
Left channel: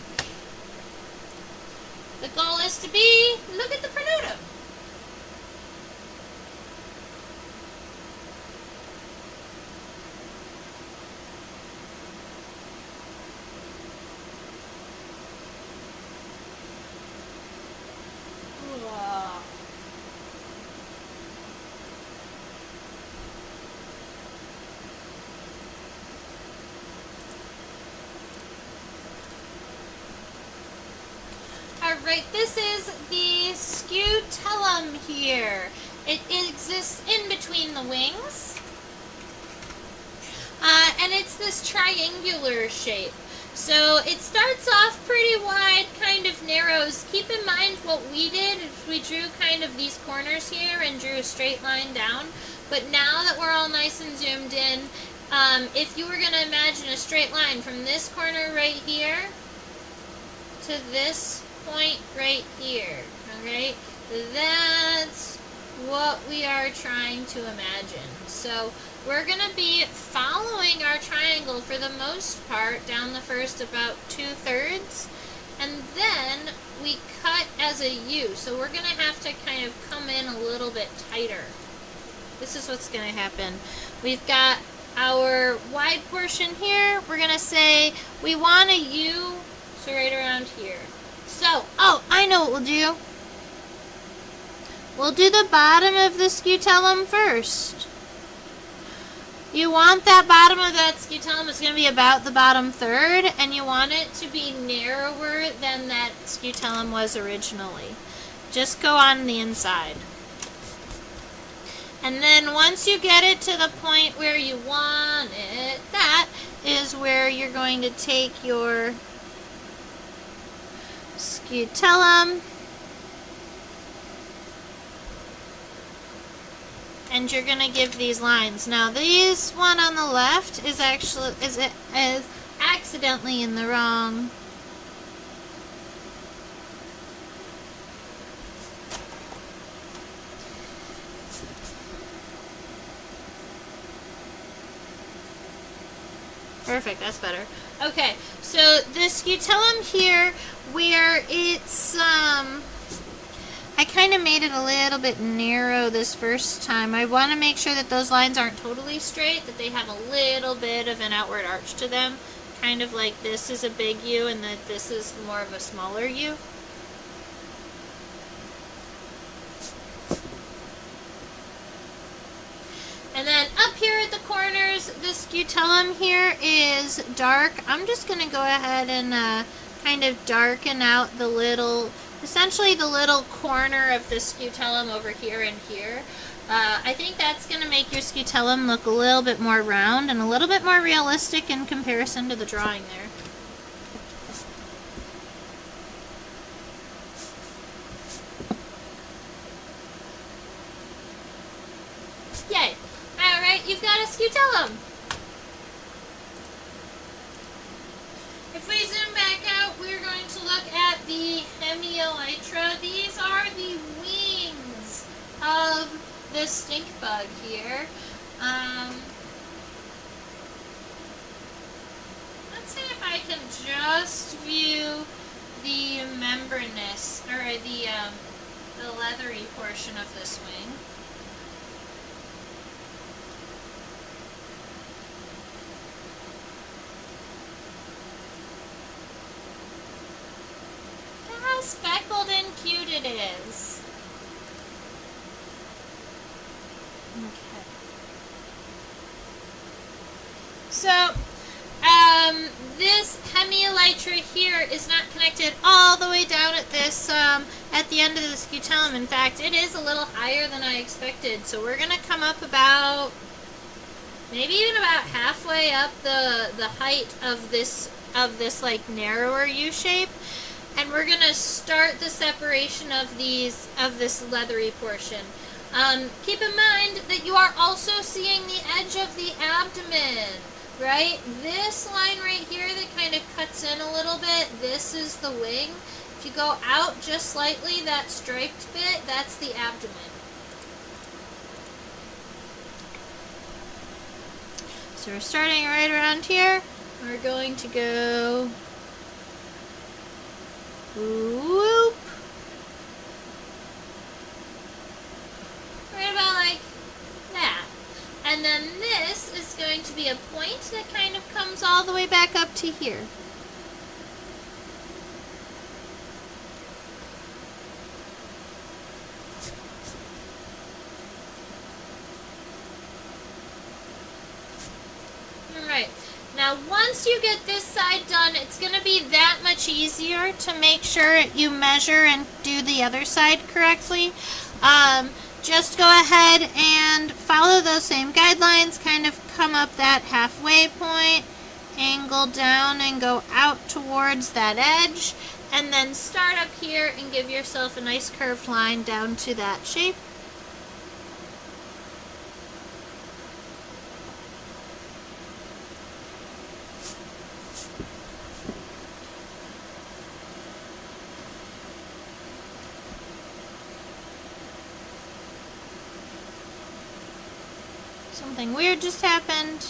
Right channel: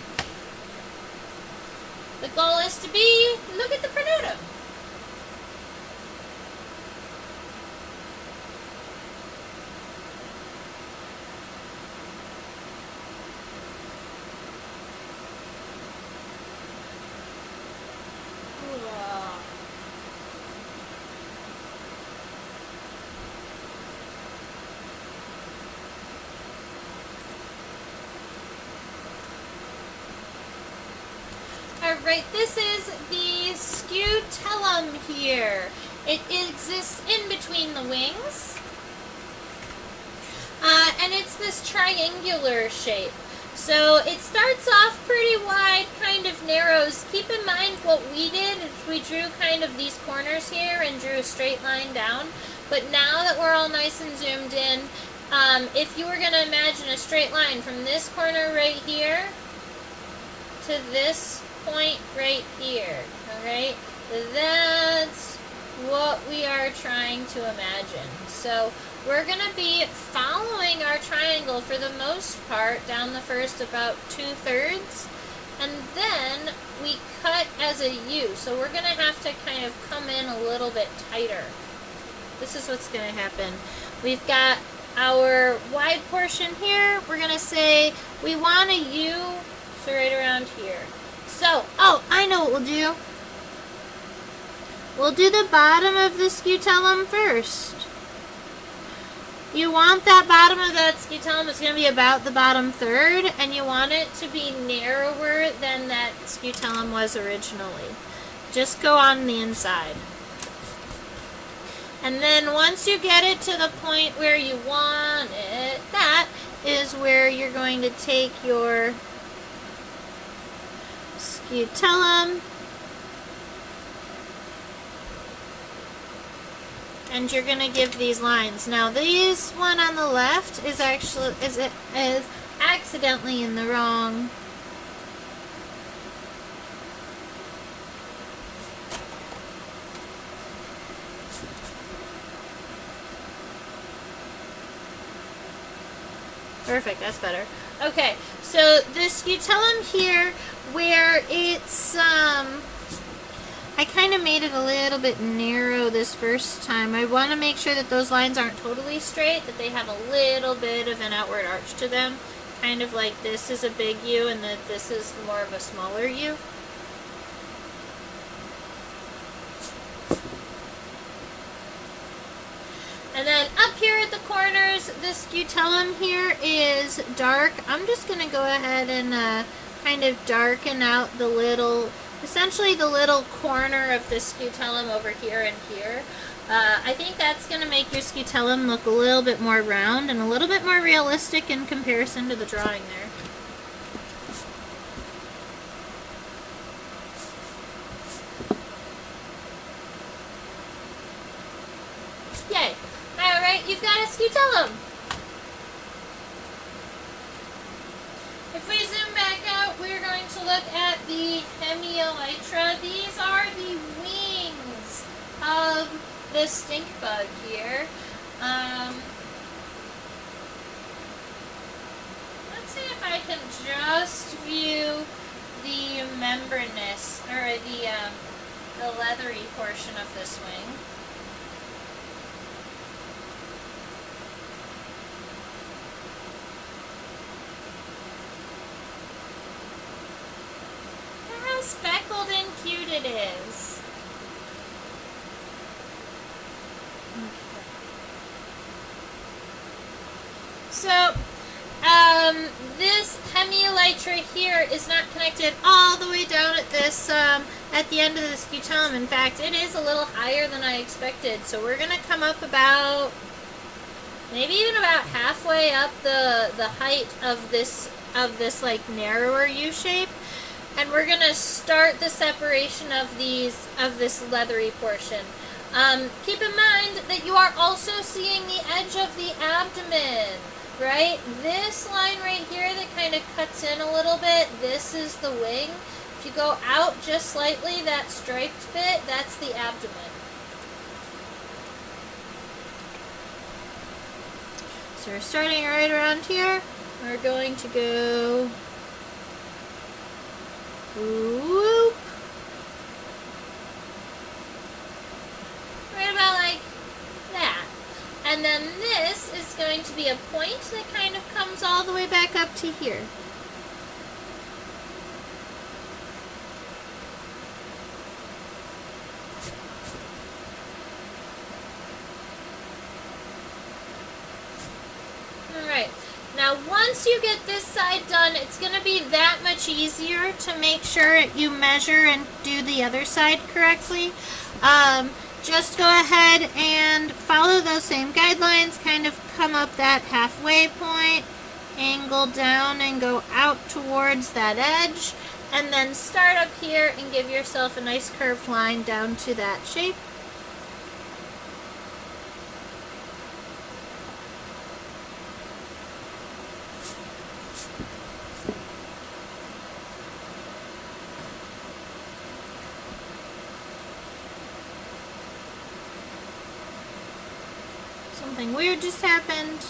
The goal is to be, look at the pronotum. Alright, this is the scutellum here. It exists in between the wings. And it's this triangular shape. So it starts off pretty wide, kind of narrows. Keep in mind what we did is we drew kind of these corners here and drew a straight line down. But now that we're all nice and zoomed in, if you were going to imagine a straight line from this corner right here to this point right here, alright? That's what we are trying to imagine. So we're going to be following our triangle for the most part down the first about 2/3, and then we cut as a U. So we're going to have to kind of come in a little bit tighter. This is what's going to happen. We've got our wide portion here. We're going to say we want a U, so right around here. So, oh, I know what we'll do. We'll do the bottom of the scutellum first. You want that bottom of that scutellum, it's going to be about the bottom third, and you want it to be narrower than that scutellum was originally. Just go on the inside. And then once you get it to the point where you want it, that is where you're going to take your scutellum and you're going to give these lines. Now this one on the left is actually is accidentally in the wrong. Perfect, that's better. Okay, so the scutellum here, where it's, I kind of made it a little bit narrow this first time. I want to make sure that those lines aren't totally straight, that they have a little bit of an outward arch to them. Kind of like this is a big U and that this is more of a smaller U. And then up here at the corners, the scutellum here is dark. I'm just going to go ahead and kind of darken out the little, essentially the little corner of the scutellum over here and here. I think that's going to make your scutellum look a little bit more round and a little bit more realistic in comparison to the drawing there. Yay! Alright, you've got a scutellum. If we zoom back out, we're going to look at the hemielytra. These are the wings of the stink bug here. Let's see if I can just view the membranous, or the leathery portion of this wing. Speckled and cute it is. Okay. So, this hemielytra here is not connected all the way down at this, at the end of the scutellum. In fact, it is a little higher than I expected. So we're gonna come up about, maybe even about halfway up the height of this like narrower U shape. And we're going to start the separation of this leathery portion. Keep in mind that you are also seeing the edge of the abdomen, right? This line right here that kind of cuts in a little bit, this is the wing. If you go out just slightly, that striped bit, that's the abdomen. So we're starting right around here. We're going to go whoop. Right about like that. And then this is going to be a point that kind of comes all the way back up to here. Alright. Now, once you get this side done, it's going to be that much easier to make sure you measure and do the other side correctly. Just go ahead and follow those same guidelines, kind of come up that halfway point, angle down and go out towards that edge, and then start up here and give yourself a nice curved line down to that shape. Something weird just happened.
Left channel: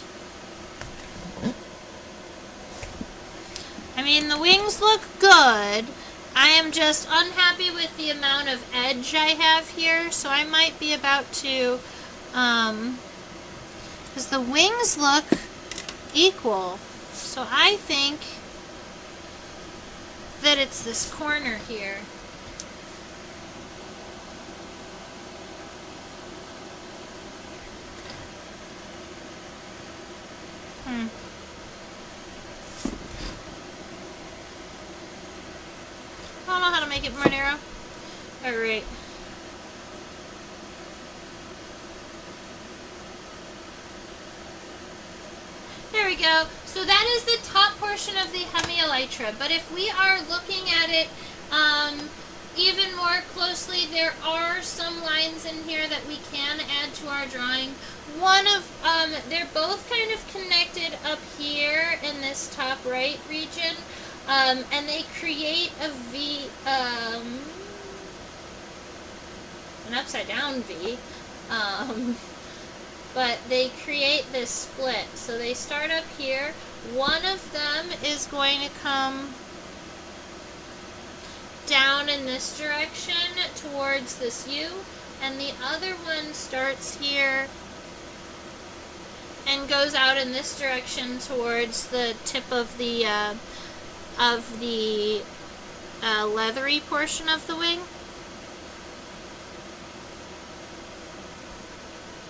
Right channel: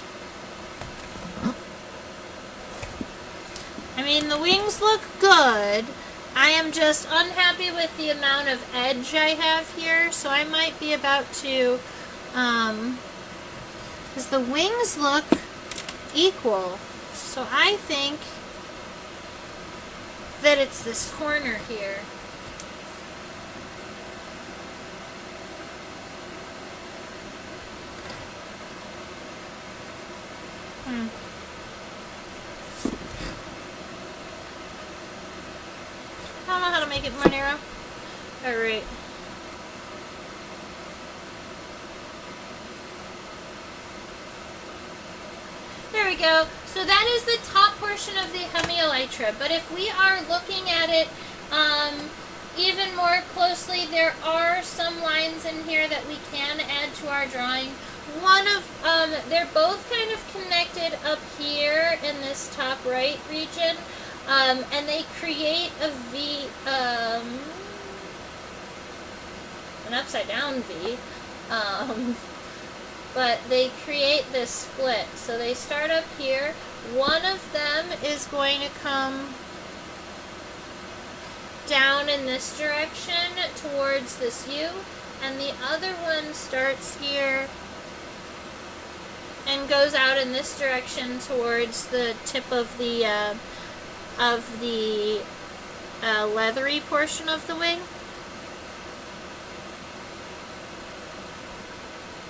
I mean, the wings look good. I am just unhappy with the amount of edge I have here, so I might be about to, because the wings look equal. So I think that it's this corner here. I don't know how to make it more narrow. Alright. There we go. So that is the top portion of the hemielytra. But if we are looking at it even more closely, there are some lines in here that we can add to our drawing. One of, they're both kind of connected up here in this top right region. And they create a V, an upside down V. But they create this split. So they start up here. One of them is going to come down in this direction towards this U, and the other one starts here and goes out in this direction towards the tip of the leathery portion of the wing.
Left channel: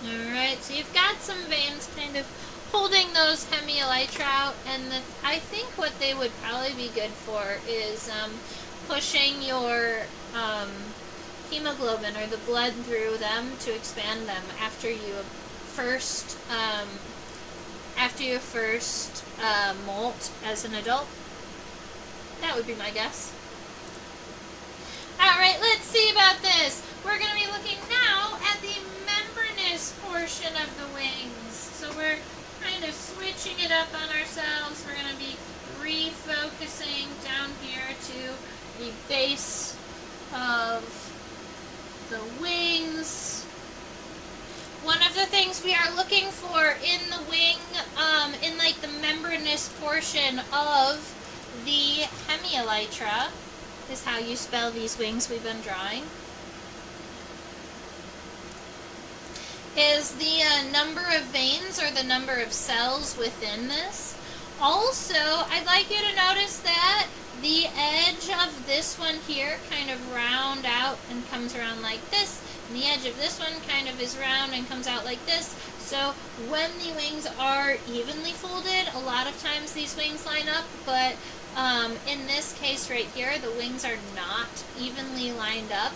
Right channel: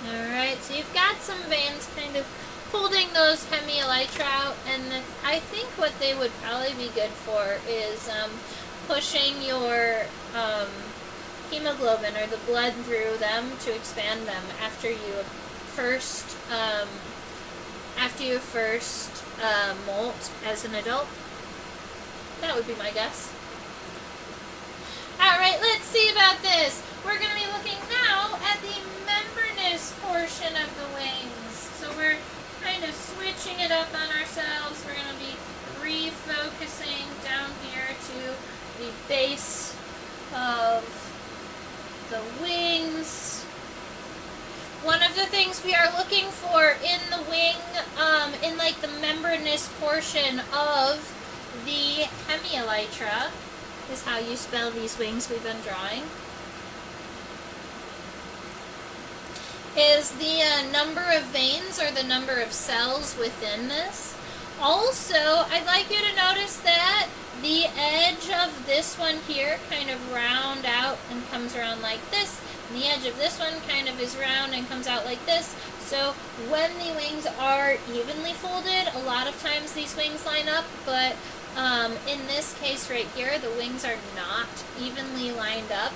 Alright, so you've got some veins kind of holding those hemielytra out, and I think what they would probably be good for is pushing your hemoglobin or the blood through them to expand them after you first molt as an adult. That would be my guess. Alright, let's see about this. We're going to be looking now at the membranous portion of the wings. So we're kind of switching it up on ourselves. We're going to be refocusing down here to the base of the wings. One of the things we are looking for in the wing, in like the membranous portion of the hemielytra, is how you spell these wings we've been drawing, is the number of veins or the number of cells within this. Also, I'd like you to notice that the edge of this one here kind of round out and comes around like this, and the edge of this one kind of is round and comes out like this. So when the wings are evenly folded, a lot of times these wings line up, but in this case right here, the wings are not evenly lined up.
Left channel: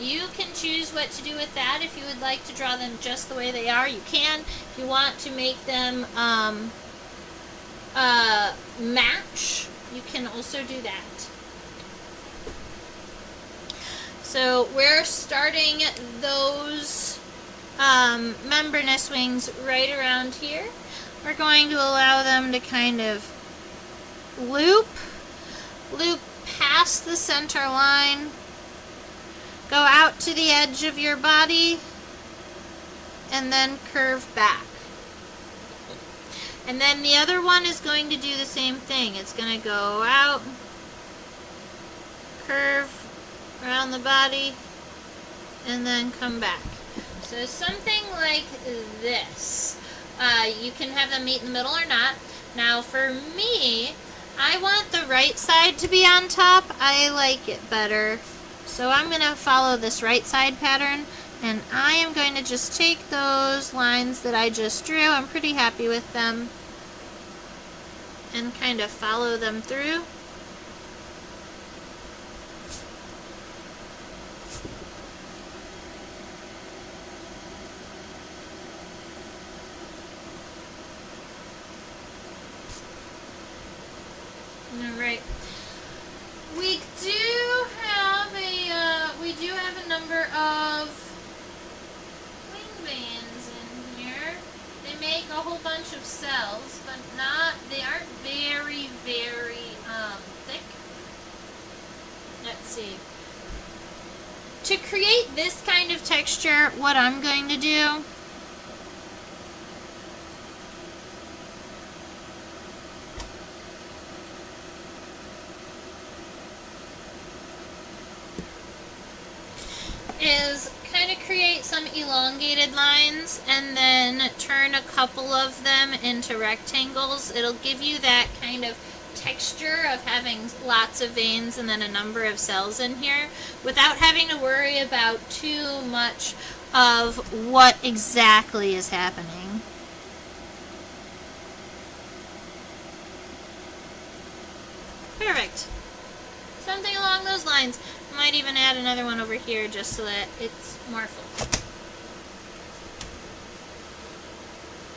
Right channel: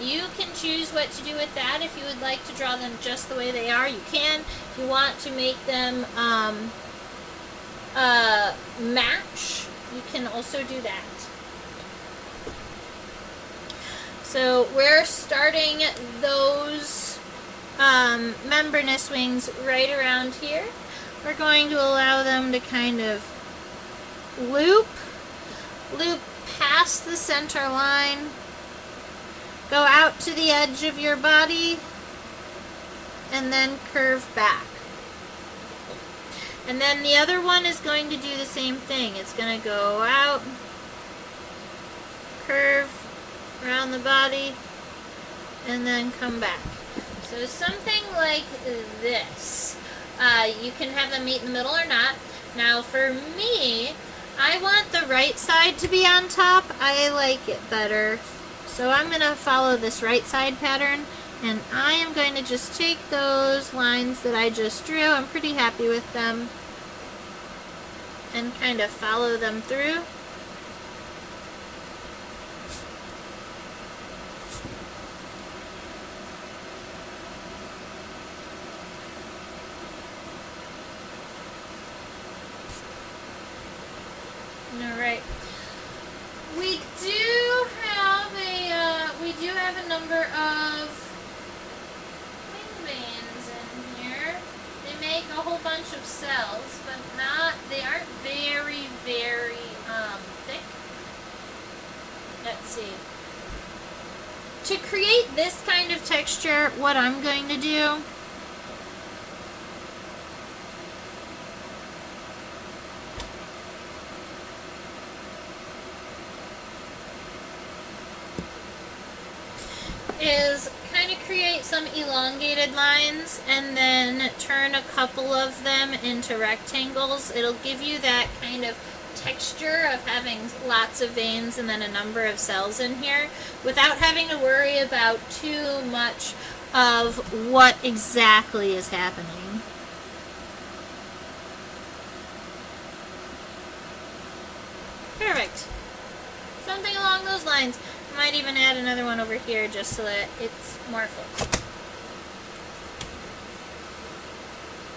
You can choose what to do with that. If you would like to draw them just the way they are, you can. If you want to make them match, you can also do that. So we're starting those membranous wings right around here. We're going to allow them to kind of loop past the center line, go out to the edge of your body, and then curve back. And then the other one is going to do the same thing. It's going to go out, curve around the body, and then come back. So something like this. You can have them meet in the middle or not. Now for me, I want the right side to be on top. I like it better. So I'm going to follow this right side pattern, and I am going to just take those lines that I just drew. I'm pretty happy with them. And kind of follow them through. Alright. We do have a number of wing veins in here. They make a whole bunch of cells, but they aren't very, very thick. Let's see. To create this kind of texture, what I'm going to do is kind of create some elongated lines and then turn a couple of them into rectangles. It'll give you that kind of texture of having lots of veins and then a number of cells in here without having to worry about too much of what exactly is happening. Perfect. Something along those lines. I might even add another one over here just so that it's more full.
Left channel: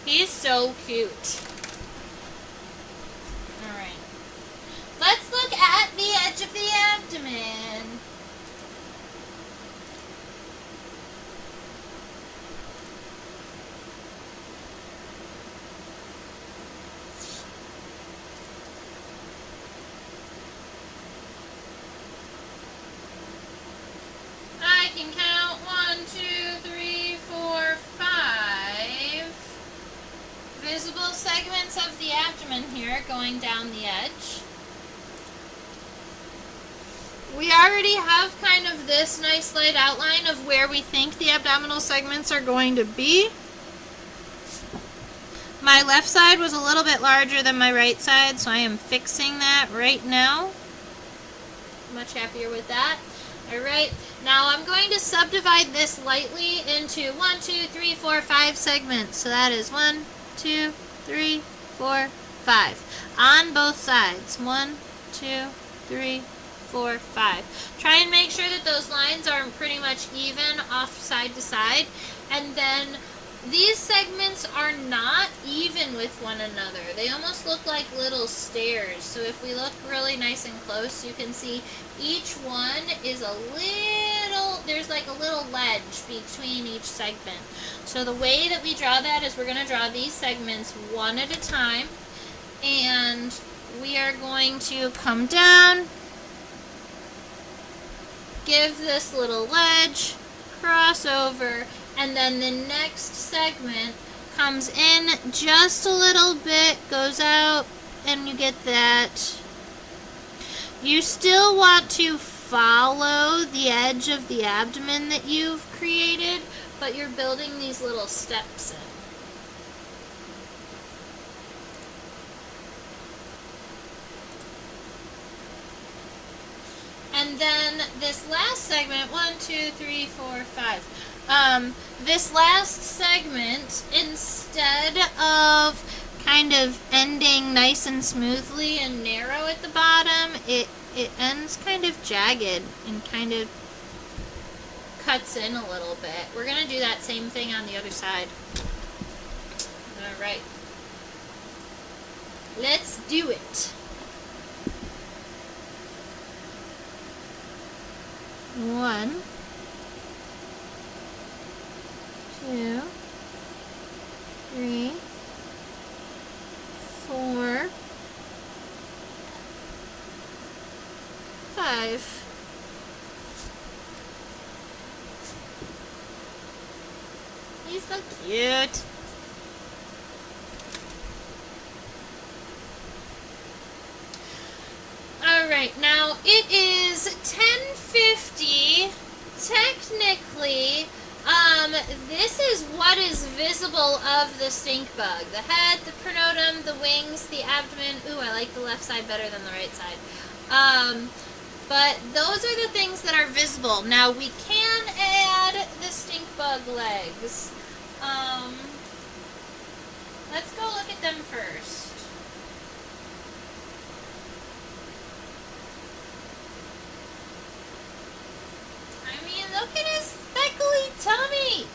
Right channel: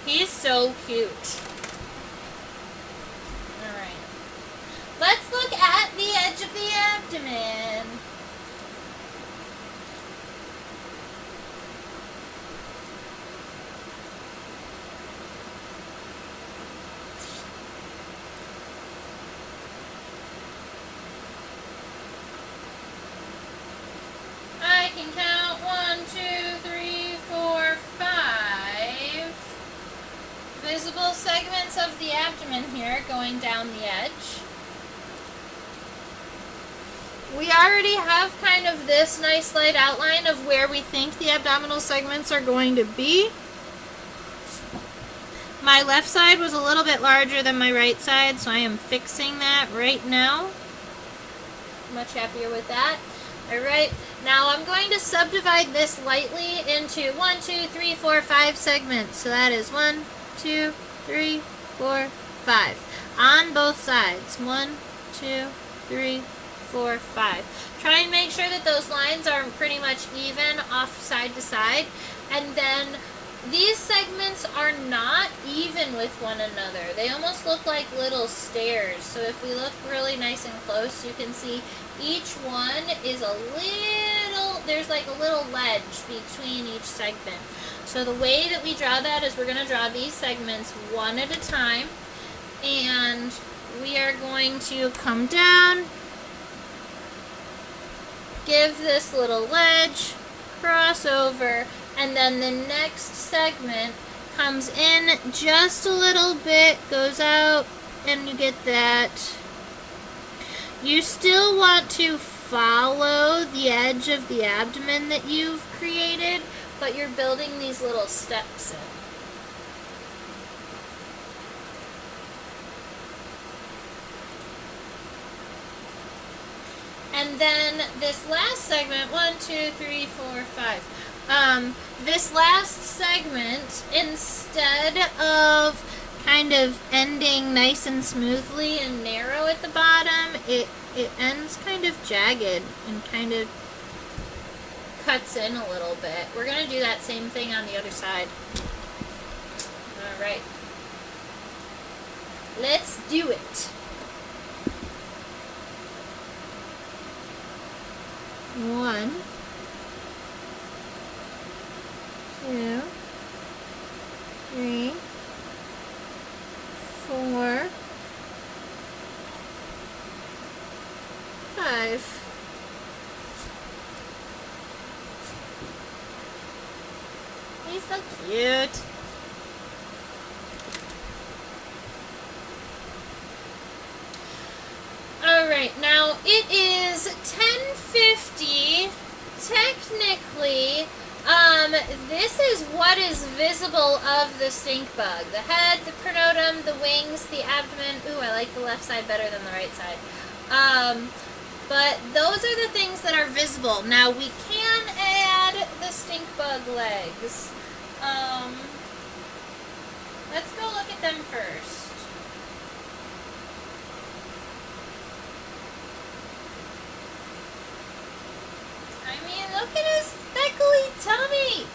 He's so cute. Alright. Let's look at the edge of the abdomen. I can count 1, 2, 3, 4, 5 visible segments of the abdomen here going down the edge. We already have kind of this nice light outline of where we think the abdominal segments are going to be. My left side was a little bit larger than my right side, so I am fixing that right now. Much happier with that. Alright, now I'm going to subdivide this lightly into 1, 2, 3, 4, 5 segments. So that is 1, 2, 3, 4, 5. On both sides. 1, 2, 3, 4, 5. Try and make sure that those lines are pretty much even off side to side. And then these segments are not even with one another. They almost look like little stairs. So if we look really nice and close, you can see each one is a little, there's like a little ledge between each segment. So the way that we draw that is we're going to draw these segments one at a time. And we are going to come down, give this little ledge, cross over, and then the next segment comes in just a little bit, goes out, and you get that. You still want to follow the edge of the abdomen that you've created, but you're building these little steps in. And then this last segment, 1, 2, 3, 4, 5. This last segment, instead of kind of ending nice and smoothly and narrow at the bottom, it ends kind of jagged and kind of cuts in a little bit. We're going to do that same thing on the other side. Alright. Let's do it. 1, 2, 3, 4, 5. He's so cute. Alright, now it is 10:50. Technically, this is what is visible of the stink bug. The head, the pronotum, the wings, the abdomen. Ooh, I like the left side better than the right side. But those are the things that are visible. Now, we can add the stink bug legs. Let's go look at them first. I mean, look at his speckly tummy.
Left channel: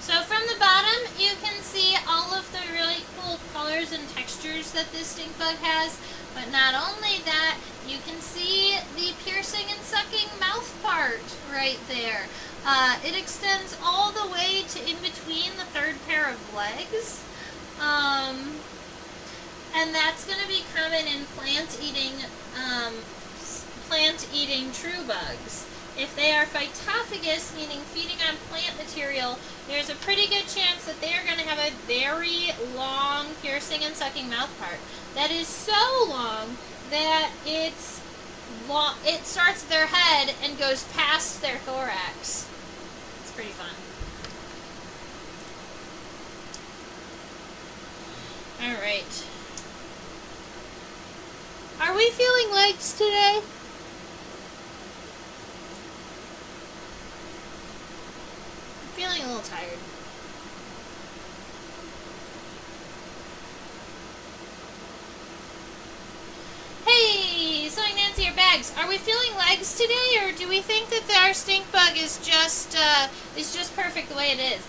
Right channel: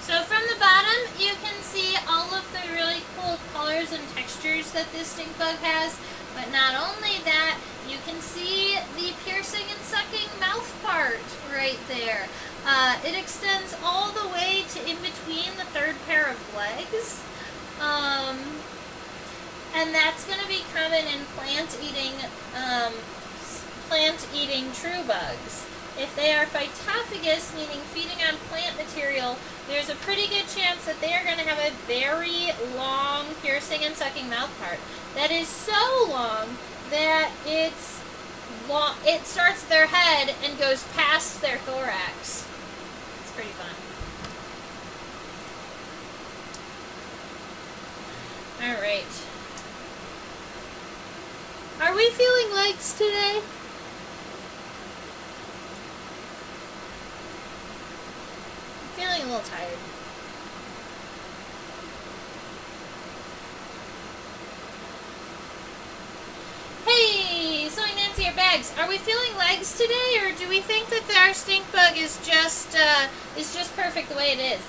So from the bottom, you can see all of the really cool colors and textures that this stink bug has. But not only that, you can see the piercing and sucking mouth part right there. It extends all the way to in between the third pair of legs. And that's going to be common in plant-eating true bugs. If they are phytophagous, meaning feeding on plant material, there's a pretty good chance that they are going to have a very long piercing and sucking mouth part. That is so long that it starts at their head and goes past their thorax. It's pretty fun. Alright. Are we feeling legs today? I'm feeling a little tired. Bags, are we feeling legs today, or do we think that our stink bug is just perfect the way it is?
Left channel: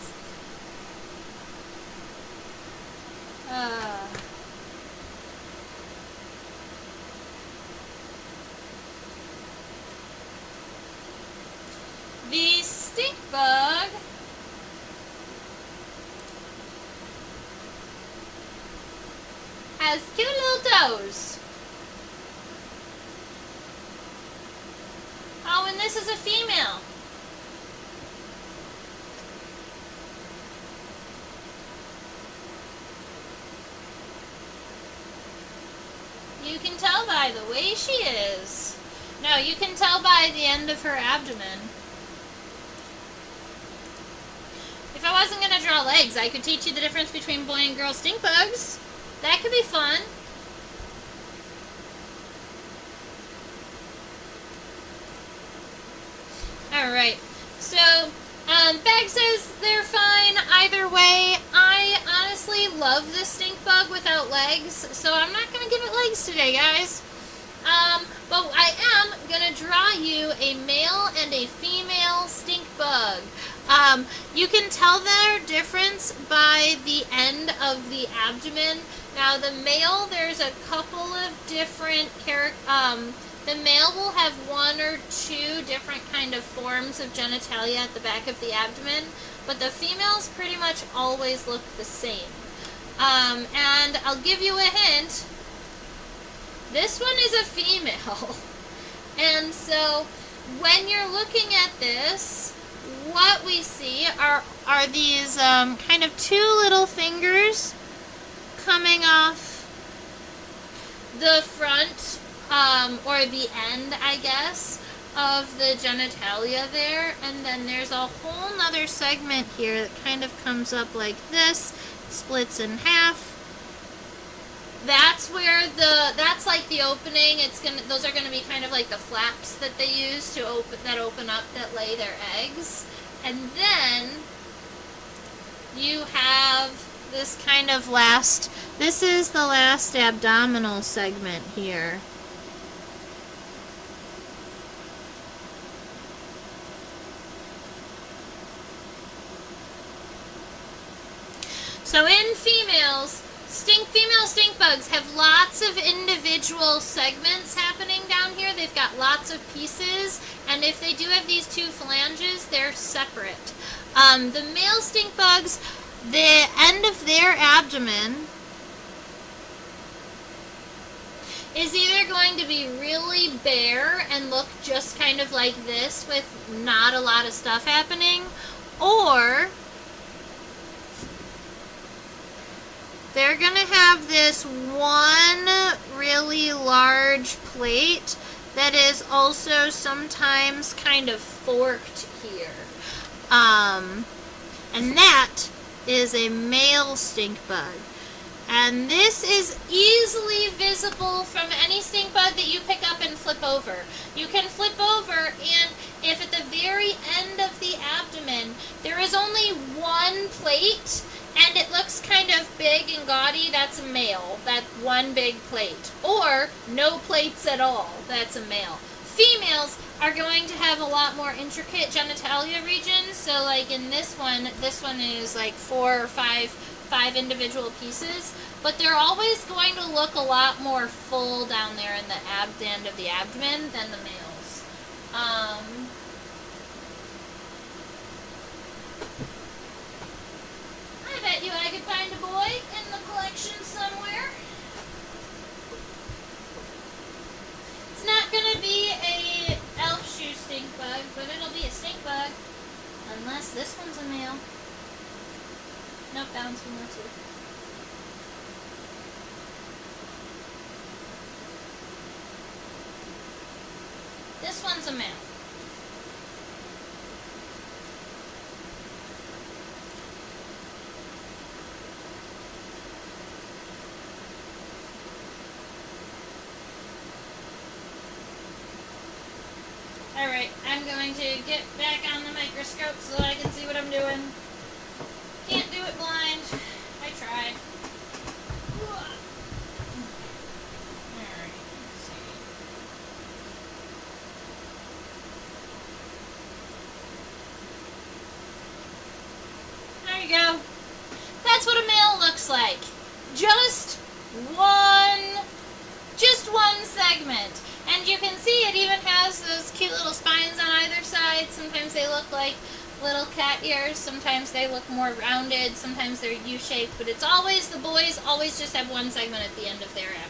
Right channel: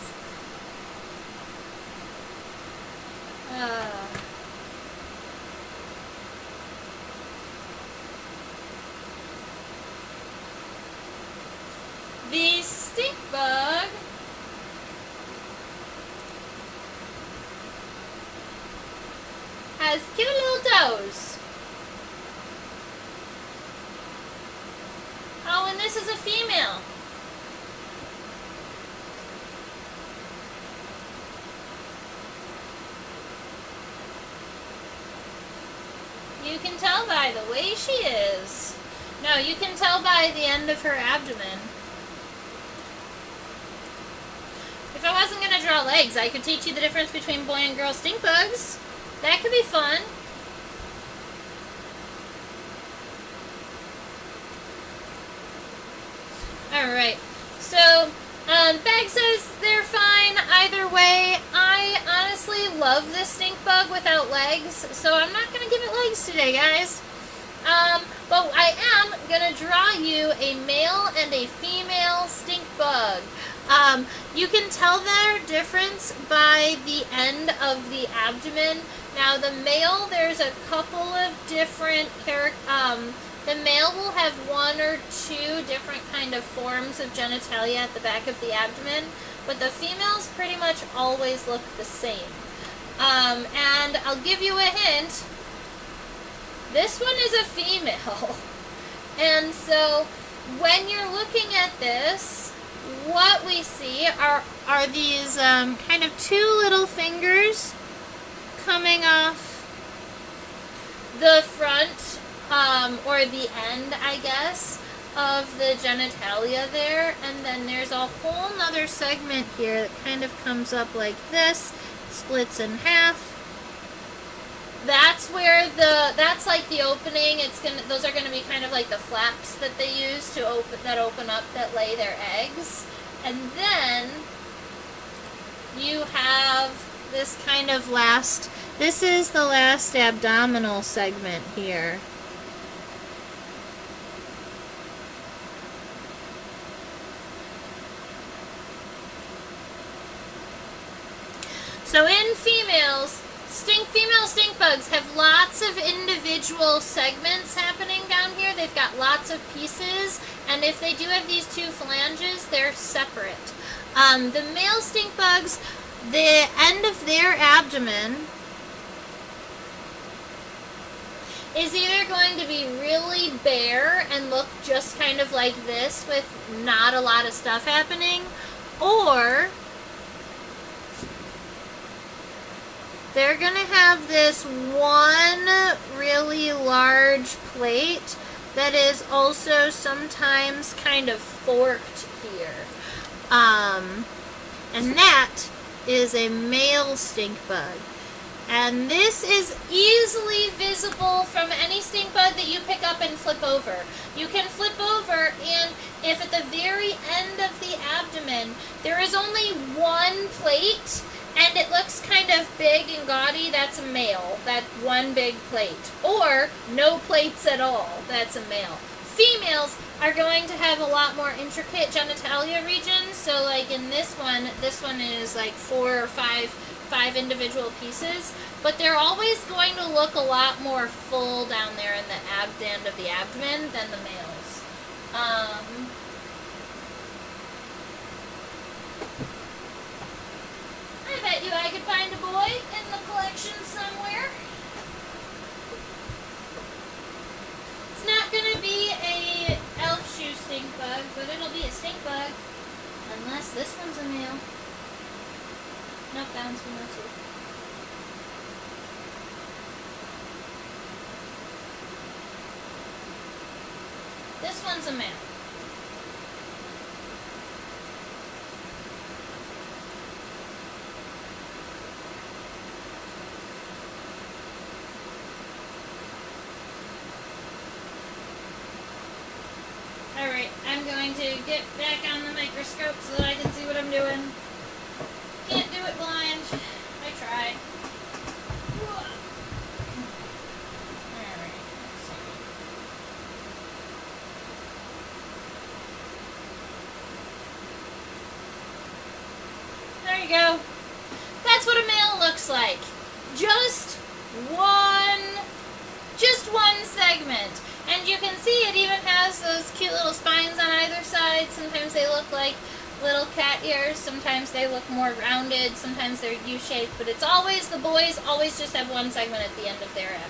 The stink bug has cute little toes. Oh, and this is a female. You can tell by the way she is. No, you can tell by the end of her abdomen. If I wasn't going to draw legs, I could teach you the difference between boy and girl stink bugs. That could be fun. Alright, so Bag says they're fine either way. I honestly love this stink bug without legs, so I'm not going to give it legs today, guys. But I am going to draw you a male and a female stink bug. You can tell their difference by the end of the abdomen. Now the male, there's a couple of different the male will have one or two different kind of forms of genitalia at the back of the abdomen, but the females pretty much always look the same. And I'll give you a hint. This one is a female. And so when you're looking at this, what we see are these kind of two little fingers coming off the front or the end, I guess, of the genitalia there, and then there's a whole nother segment here that kind of comes up like this, splits in half. That's where that's like the opening. Those are gonna be kind of like the flaps that they use to open up, that lay their eggs. And then you have this kind of this is the last abdominal segment here. So in females, female stink bugs have lots of individual segments happening down here. They've got lots of pieces, and if they do have these two phalanges, they're separate. The male stink bugs, the end of their abdomen is either going to be really bare and look just kind of like this with not a lot of stuff happening, or they're going to have this one really large plate that is also sometimes kind of forked here. And that is a male stink bug. And this is easily visible from any stink bug that you pick up and flip over. You can flip over, and if at the very end of the abdomen there is only one plate, and it looks kind of big and gaudy, that's a male. That one big plate. Or no plates at all, that's a male. Females are going to have a lot more intricate genitalia regions. So like in this one is like 4 or 5 individual pieces. But they're always going to look a lot more full down there in the end of the abdomen than the males. I bet you I could find a boy in the collection somewhere. It's not going to be a elf shoe stink bug, but it'll be a stink bug. Unless this one's a male. Nope, that one's female too. This one's a male. Alright, I'm going to get back on the microscope so that I can see what I'm doing. Can't do it blind. I tried. Alright, let's see. looks like. Just one segment. And you can see it even has those cute little spines on either side. Sometimes they look like little cat ears. Sometimes they look more rounded. Sometimes they're U-shaped. But it's always, the boys always just have one segment at the end of their abdomen.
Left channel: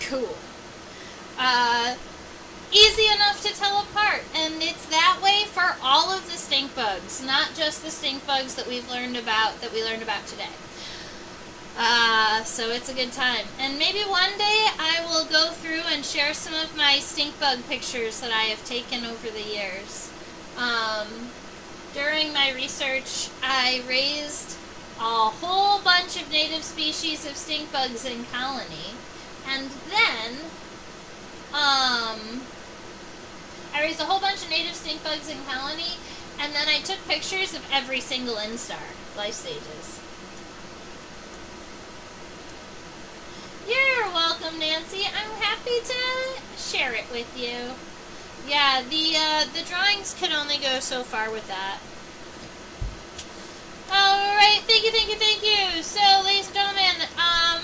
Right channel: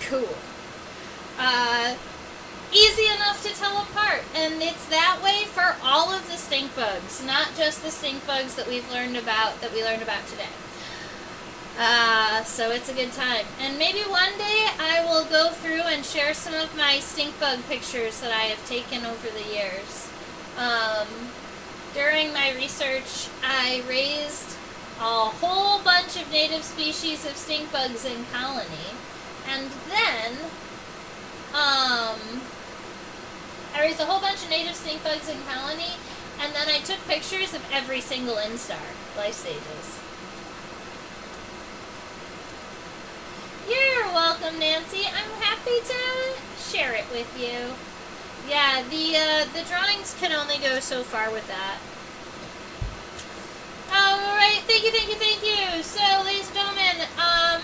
Cool. Easy enough to tell apart. And it's that way for all of the stink bugs. Not just the stink bugs that we learned about today. So it's a good time. And maybe one day I will go through and share some of my stink bug pictures that I have taken over the years. During my research, I raised a whole bunch of native species of stink bugs in colony. And then, I raised a whole bunch of native stink bugs in colony, and then I took pictures of every single instar, life stages. You're welcome, Nancy. I'm happy to share it with you. Yeah, the drawings can only go so far with that. Alright, thank you. So, ladies and gentlemen,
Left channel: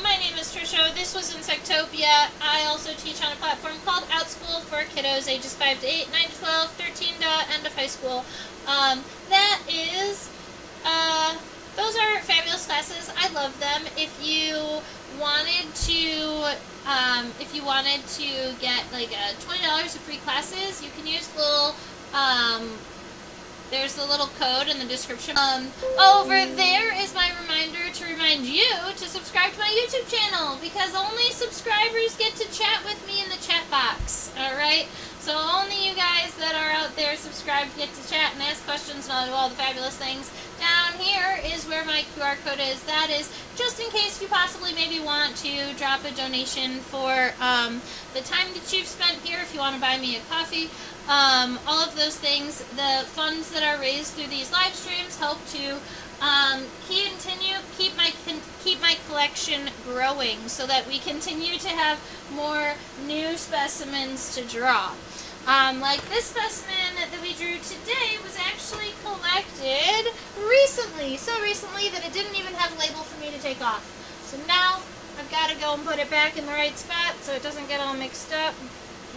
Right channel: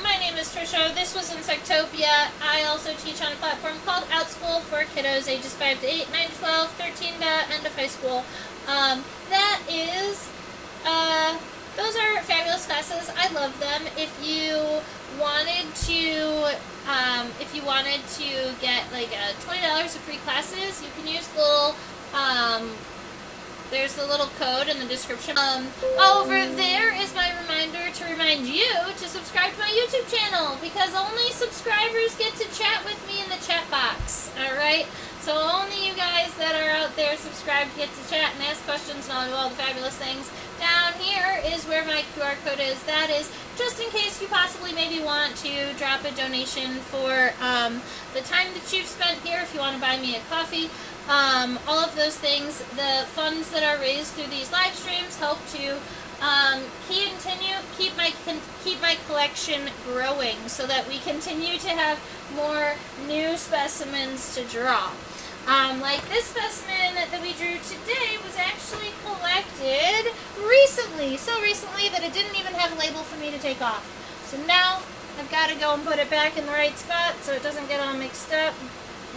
my name is Trisha. This was Insectopia. I also teach on a platform called OutSchool for kiddos ages 5 to 8, 9 to 12, 13 to end of high school. Those are fabulous classes. I love them. If you wanted to get like $20 of free classes, you can use the little there's the little code in the description. Over there is my reminder to remind you to subscribe to my YouTube channel, because only subscribers get to chat with me in the chat box. Alright? So only you guys that are out there subscribed get to chat and ask questions and all the fabulous things. Down here is where my QR code is. That is just in case you possibly maybe want to drop a donation for the time that you've spent here, if you want to buy me a coffee. All of those things. The funds that are raised through these live streams help to keep my collection growing, so that we continue to have more new specimens to draw. Like this specimen that we drew today was actually collected recently. So recently that it didn't even have a label for me to take off. So now I've got to go and put it back in the right spot so it doesn't get all mixed up.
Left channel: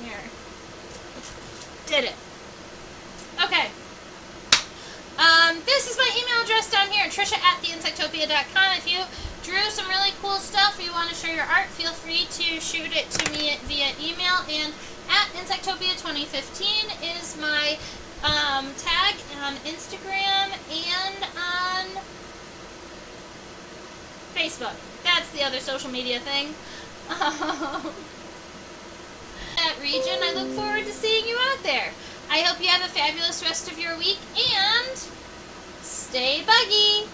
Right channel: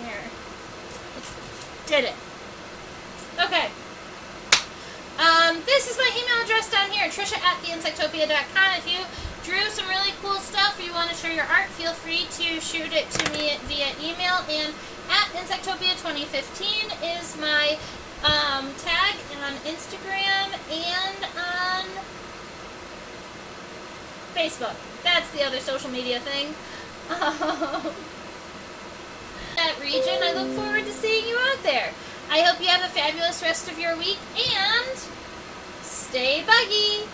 Here. Did it. Okay. This is my email address down here, Trisha@theinsectopia.com. If you drew some really cool stuff, you want to share your art, feel free to shoot it to me via email. And @Insectopia2015 is my tag on Instagram and on Facebook. That's the other social media thing. That region, I look forward to seeing you out there. I hope you have a fabulous rest of your week, and stay buggy!